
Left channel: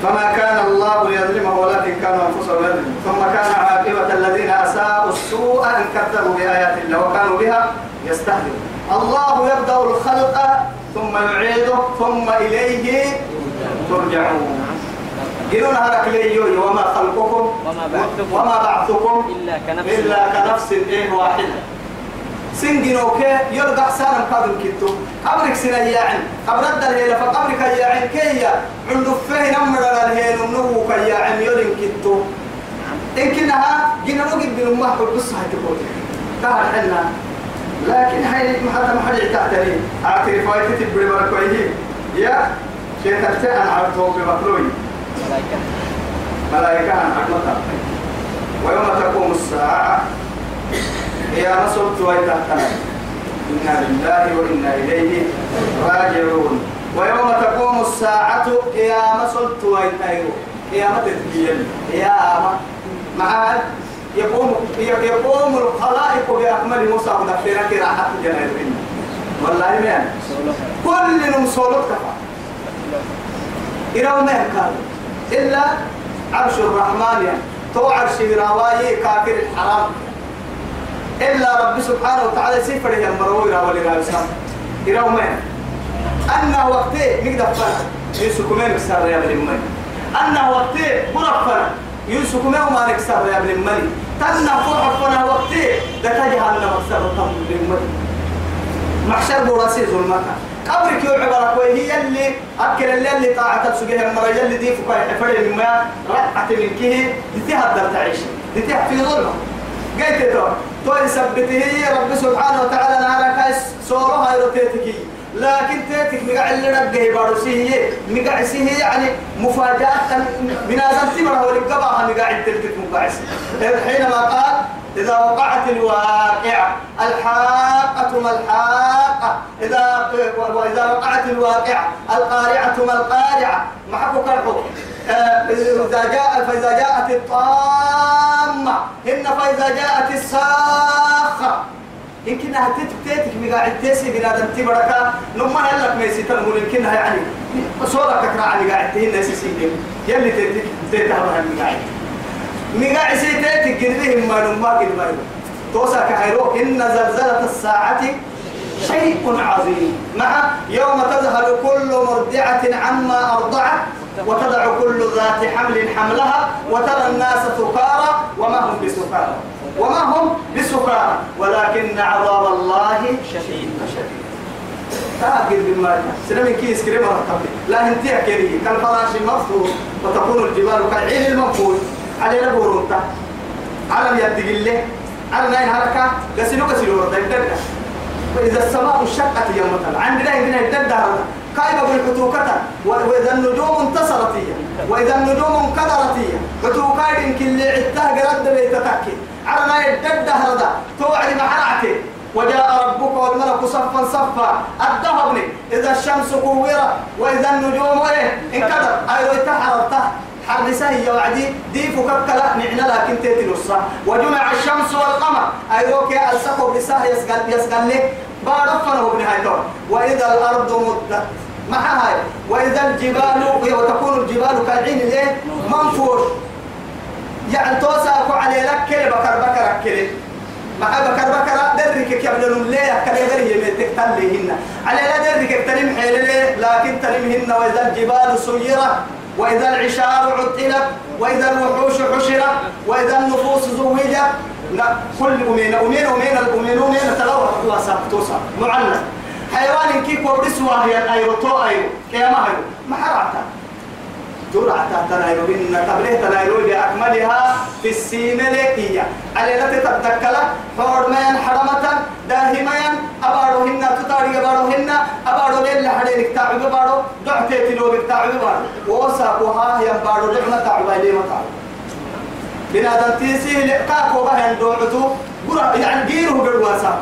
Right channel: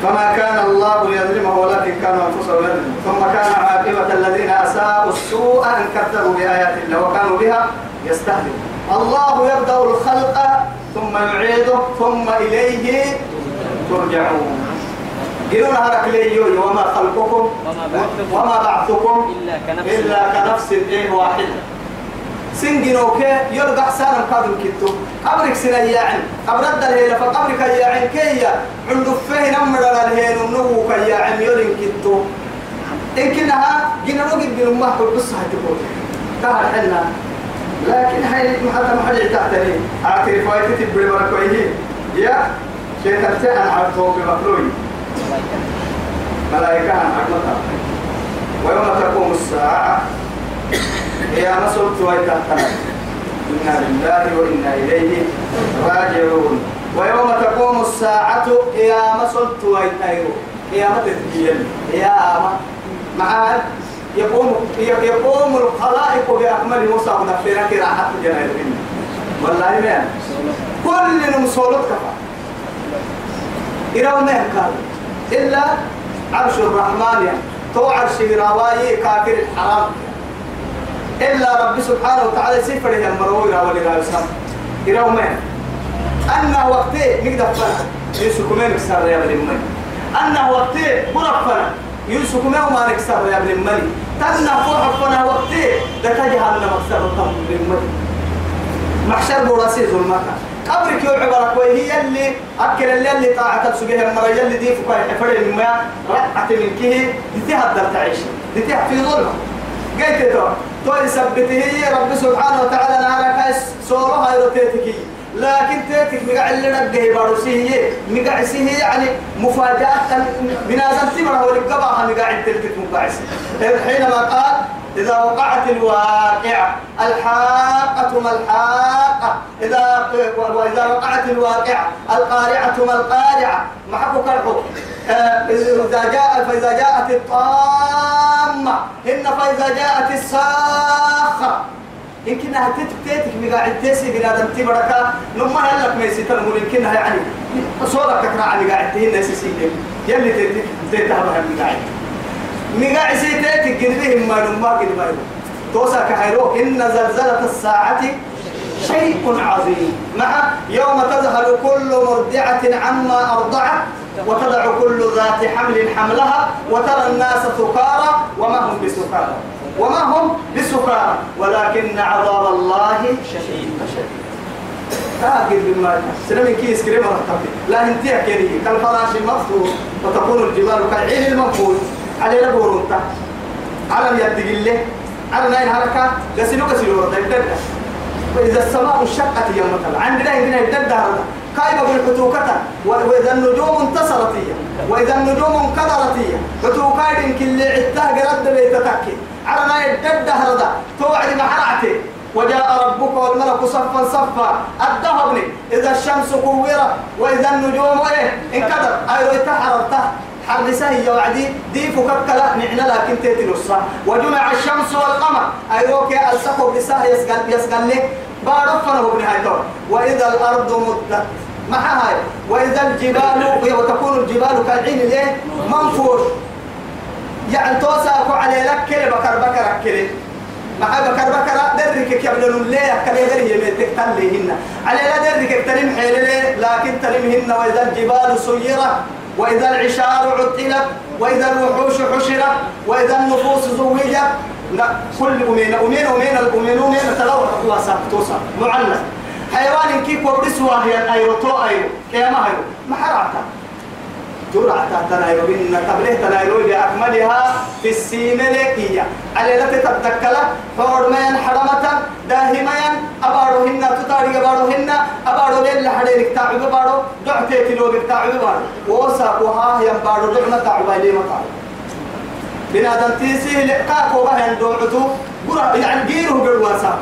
فما كان الله ليظلمه ولكن كانوا انفسهم يظلمون ثم كان عاقبة الذين اساءوا السوء ان كذبوا بايات الله وكانوا بها يستهزئون الله يبدا الخلق ثم يعيده ثم اليه ترجعون قلوا لها ليو وما خلقكم وما بعثكم الا كنفس واحده سنجنوك يرجع سالم قادم كتو قبرك سنياعن قبرد الهيلة فقبرك ياعن كيا عنده فيه نمر الهيل ونوك ياعن يرين كتو إن كنها جنوك بن ما حب بس هتقول تهر حنا لكن هاي حتى ما حد يعتني أعترف وايتي تبري بركويه يا شيء تبتعن على الطوب بمخلوي ملائكة عن عقلتها ويوم تقوم الساعة يا مسلط ويتحتنا إنا لله وإنا إليه راجعون ويوم تقوم الساعة يا مسلط ويتحيرون يا متتبين يا معاد يقوم الخلائق بأكمل موسى ونفسنا كراحة جنائرين والله ما كل نمسولت كفا إراو ما كان إلا عرش الرحمن يعني تو عرش رواي كافر الحرام إلا رب سبحانه وتعالى سفر يا مروي راولي راسام يراو ما أنه وقتي نقدر فنا يسكمين بسر يا ابن المني أنه وقتي برفنا يسكمين وما نكسر يا ابن المني تنا فرح فنا وقتي دتجه لنا مكسر طم بالمني محشر براسي ظلمتها قبرك يوم عبارك وهي اللي أكل اللي طاعت بسجها المرة اللي دي فكاي حفر الماء رقعت من كيه دي تهدر تعيش دي في ظلمة قلت تو يثبته رب سبحانه وتعالى نارك سورها يروتيتكي لكن تاتك مقع اللي رجه بارسيه مقع سيه يعني مفاجأة بنادم تمره ولقبها مقع التلك مقعس حينما قال إذا وقعت الواقعة الحاقة ما الحاقة وإذا وقعت الواقعة القارعة ما القارعة ما حقك الحكم فإذا جاءت الطامة فإذا جاءت الصاخة يمكنها تتك مقاعد تيسي بنادم تبركا لما هلك ما يسيتنمون يمكنها يعني صورة كثرة على قاعد تهين نسيسين يلي تتهبها مقاعد سيتك قلبهم ما لما قلبهم توسع كحيروك إن زلزلة الساعة شيء عظيم مع يوم تذهل كل مرضعة عما أرضعت وتضع كل ذات حمل حملها وترى الناس سكارى وما هم بسكارى ولكن عذاب الله شديد تاكل بالمال سلام كيس كريم ركبت لا انتهى كريه كالفراش المفتوح وتكون الجبال كالعين المنفوش على لبورونتا على يد الله على نين حركة غسلوا وإذا السماء انشقت يوم مثلا عندنا يدد هذا قائمة بالحتوكة وإذا النجوم انتصرت وإذا النجوم انقدرت حتوكاين كل عتاه قرد بيتتكي على ما يدد هذا توعد محرعتي وجاء ربك والملك صفا صفا الذهبني إذا الشمس كورت وإذا النجوم انقدر أيضا تحررته حرسه يا وعدي دي فككلا نعنا لكن تتنص وجمع الشمس والقمر أيوك ألسقوا بساه يسقل لك بارفنا ابن هايتون وإذا الأرض مدت مع هاي وإذا الجبال وتكون الجبال كالعين ليه منفوش يعني توسعوا على لك كلي بكر كلي مع بكر درك كبلن ليه كلي دري يمتك تليهن على لا درك تلم حيله لكن تلمهن وإذا الجبال سيرت وإذا العشار عطلت وإذا الوحوش حشرت وإذا النفوس زوجت كل أمين تلوى وسابتوسا معلق حيوان كيف وبرسوا هي أيروتو كيما هيرو ما حرعتا جرعتا تنايرو إن تبليه تنايرو بأكملها في السيملكية على لا تتذكر حرمين حرمة داهمين أباروهن تطاري أبارو ليل حريرك تعب أبارو دعتي تلوبك تعب أبارو وساقوها ينبارو دعنا تعب إليه مطعب بنادم تيسي لقاكو بهن دوعتو يعني جيره بالواسع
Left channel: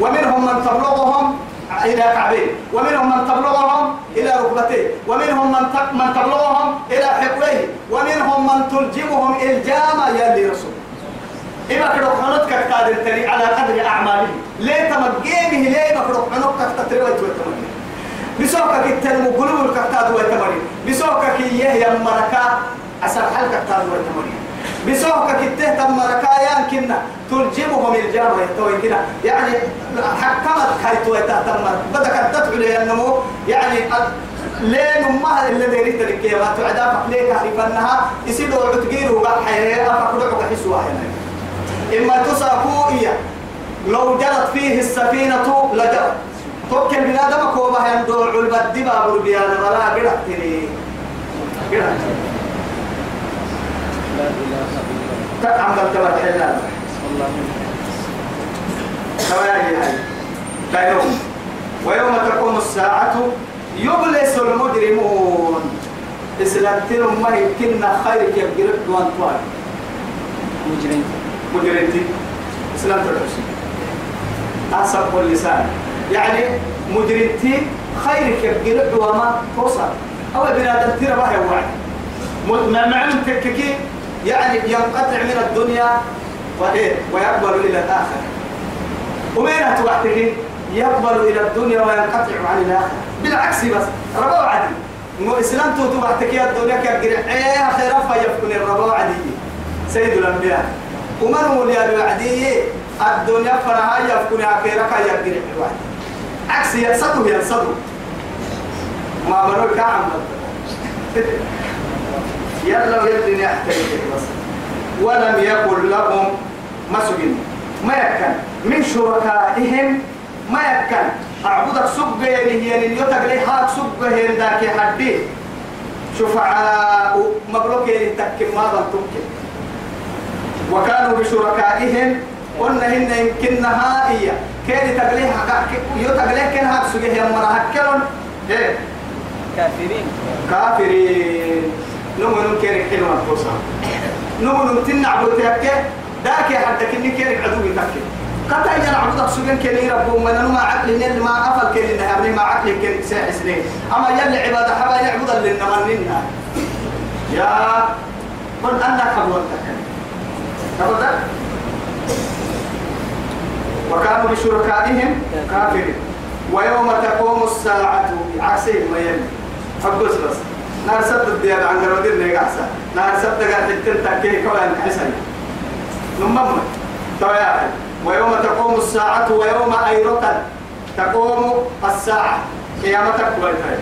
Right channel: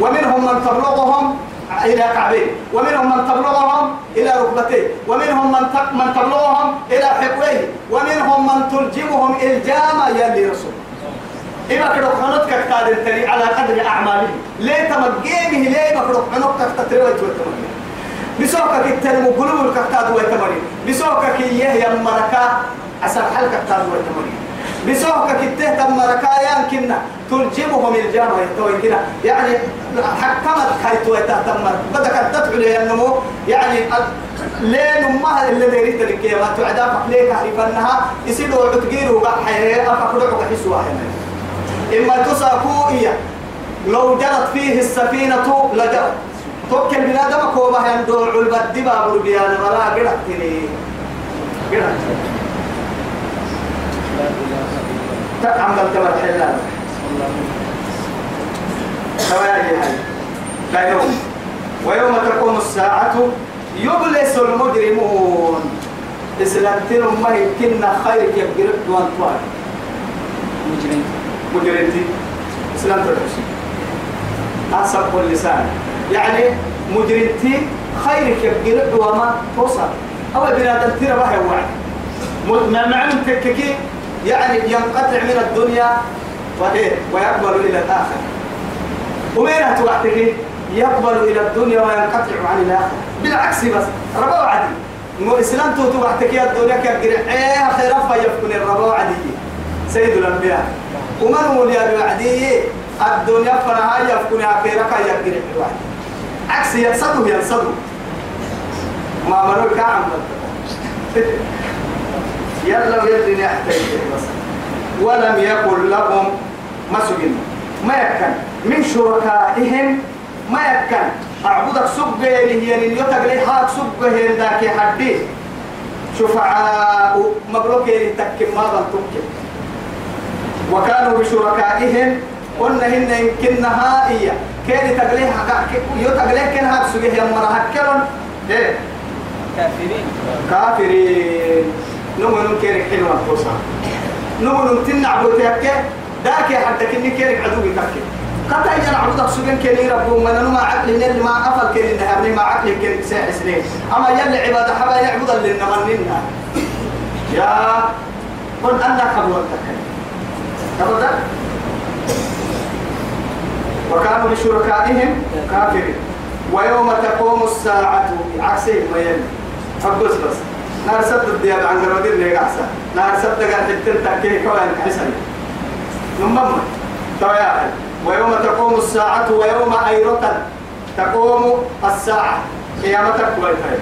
ومنهم من تبلغهم إلى كعبين ومنهم من تبلغهم إلى ركبتين ومنهم من تبلغهم إلى حقويه ومنهم من تلجمهم الجامة يلي رسول إما كدو حنوتك كتاد التري على قدر أعماله ليه تمجينه ليه مكدو حنوتك تتري ويتمجين بسوكك التنمو قلوب الكتاد ويتمجين بسوكك إياه يمركا أسر حلك كتاد ويتمجين بسوكك التهتم مركايان كنا تلجمهم الجامة يتوي كنا يعني حكمت كيتو يتهتم بدك تدفع لي النمو يعني لين أمها اللي ديريت لك يا ما تعدا فقليك عرفناها يصيروا عتقيروا بقى حياة أفكروا حسوا هنا إما تساقوا لو جرت فيه السفينة لجرت توكل بنادم كوبا يندوع البدبا بربيان ولا قرأت لي قرأت تعمل تمر حلال كيوم ويوم تقوم الساعة يبلس المجرمون إسلامتين ما يمكننا خيرك يبقى دوان طوال مجرمتين إسلام ترحسي أصبح اللسان يعني مجرمتين خيرك يبقى دوان توصل أو بنادم ترى بها وعد معنى تككي يعني ينقطع من الدنيا ويقبل إلى الآخرة ومين توحده يقبل إلى الدنيا وينقطع عن الآخرة بالعكس بس ربا عدي مو إسلام توحدك يا الدنيا كجرع خير فيفكن الربا عدي سيد الأنبياء ومن هو يا عدي الدنيا فنها يفكن آخرك يجرع الواحد عكس ينصدوا ما مروا كعم يلا ويبدي يحتاج بس ولم يكن لهم مسجد ما يكن من شركائهم ما يكن أعبدك سبه هي يتقلي حاك سبه ذاك حدي شفعاء مبروك تكم ما بنتك وكانوا بشركائهم قلنا هن يمكنها هي كان تقليها تقليه كان هاد سجيه يا مرة هكلون إيه كافرين نمو كيرك حلوة توصل نمو تنع بوتيك داك حتى كني كيرك عدو بتاكل قد أجل عبدك سجن كني ربهم من أنا ما عقل اللي ما أفل كني نهارني ما عقل كني ساعة سنين أما يلي عبادة حبا يعبد اللي نمننا يا قل أنك حبوتك أبدا وكانوا بشركائهم كافرين ويوم تقوم الساعة عكسهم ما يلي فقص بس نار سبت الدياب عن قرودين اللي قعسا نار سبت قاعد تنتكيه كوان حسن نمم طيب ويوم تقوم الساعة ويوم أيرة تقوم الساعة قيامتك كويتها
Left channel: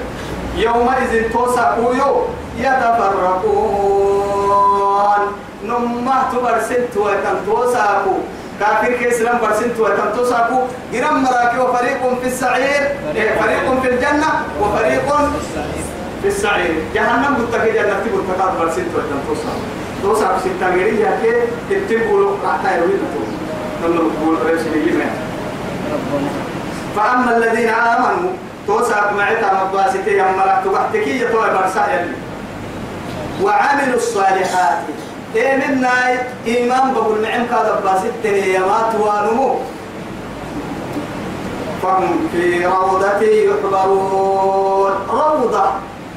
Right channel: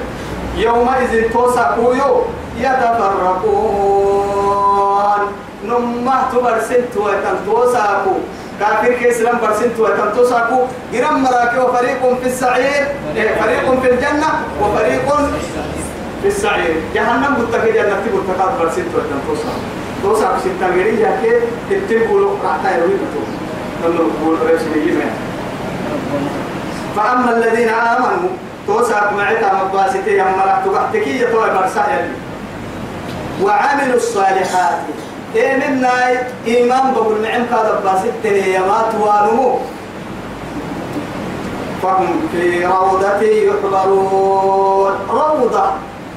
يومئذ توسعوا يتفرقون نمه تبرسنت وتنتوسعوا كافر كإسلام برسنت وتنتوسعوا جرم مراكي وفريق في السعير فريق في الجنة وفريق في السعير جهنم بتكي جنة بتكات برسنت وتنتوسعوا توسعوا ستة غيري ياكي تتبولوا راحتا يرويدوا نقول رسمي فأما الذين آمنوا توسعوا معتا مباسطي يمرا تبحتكي يطوى برسا يلي وعملوا الصالحات إيه منا إيمان بقول معهم كذا باسطي يمات وانمو فهم في روضة يحضرون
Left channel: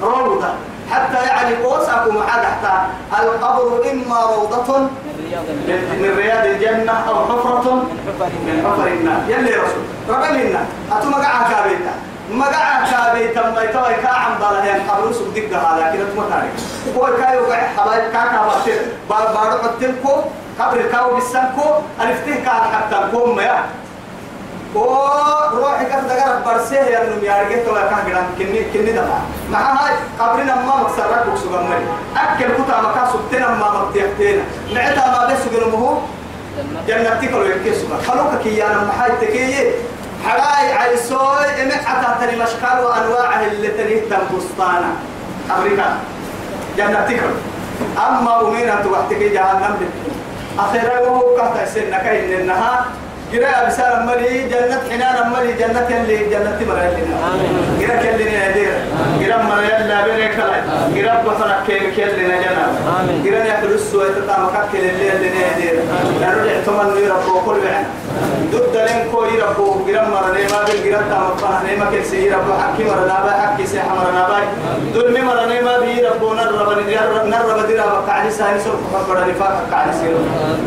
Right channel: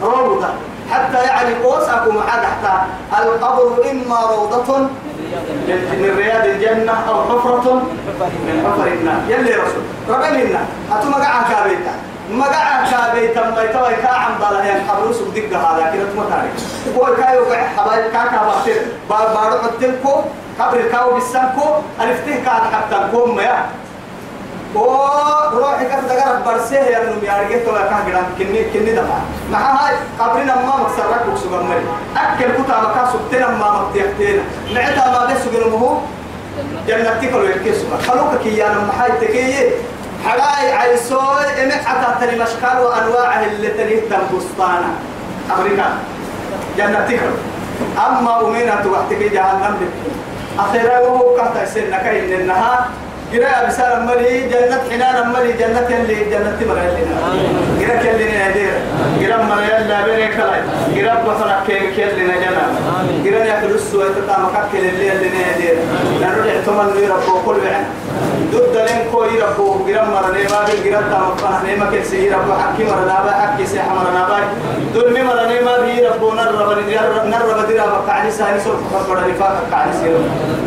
روضة حتى يعني قوسكم حتى القبر إما روضة من رياض الجنة أو حفرة من حفر النار يلي رسول ربنا أتو مقعها كابيتا مقعها كابيتا ما يتوى كاعم بالهيان قبر سوق دقة هذا كده تمتارك هو كايو قاعد حبايب كاكا بارتين بارو قتلكو قبر الكاو بالسنكو ألفتيه كان حتى كوم يا روحي كذا جرب برسيه يا نوم يا رجيت ولا كان جرام كني دمع مع هاي قبرنا ما مكسرك بكسو جمري أكل كتا مكاسو تنا ما مكتيحتنا نعتها ما بس جنومه جنتك لو يكسو خلوك كيانا محاي تكيه حراي عيسوي إمحة تري مشكال وأنواعه اللي تريه تنبسطانا أمريكا جنتك أما أمينة توحتك جهنم بك أخيرا وهو كهتا سنك إنها قراءة بسالة ملي جنة حنان ملي جنة اللي جنة مرة لنا قراءة اللي نادير قراءة مرة يلا بينك لا قراءة بصرك كيل لنا جنة قراءة يأكل السوء تتامك كيل اللي نادير نرجع ثمن يربو كل بعنا ضد لين كوي يربو قراءة مرة نيما بالقراءة تامك نيما كل سير ربو حكي مرة نابا حكي سيح مرة نابا دول مرة نيما بيربو نرب ديرا بقعد ساني سوق خبر نفاق قعد سير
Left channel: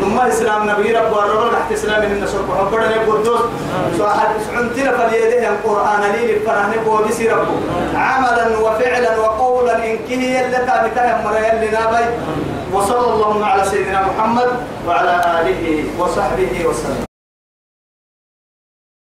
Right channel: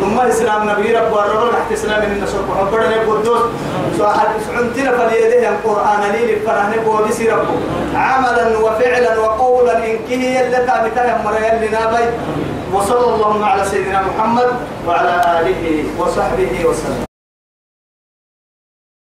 نما الإسلام نبي ربو الرب تحت إسلام من النصر وحبرنا قدوس سواحد عنتنا فليده القرآن لي للفرهن بودي ربه عملا وفعلا وقولا إن كهي اللتا بتهم مريال لنابي وصلى الله على سيدنا محمد وعلى آله وصحبه وسلم.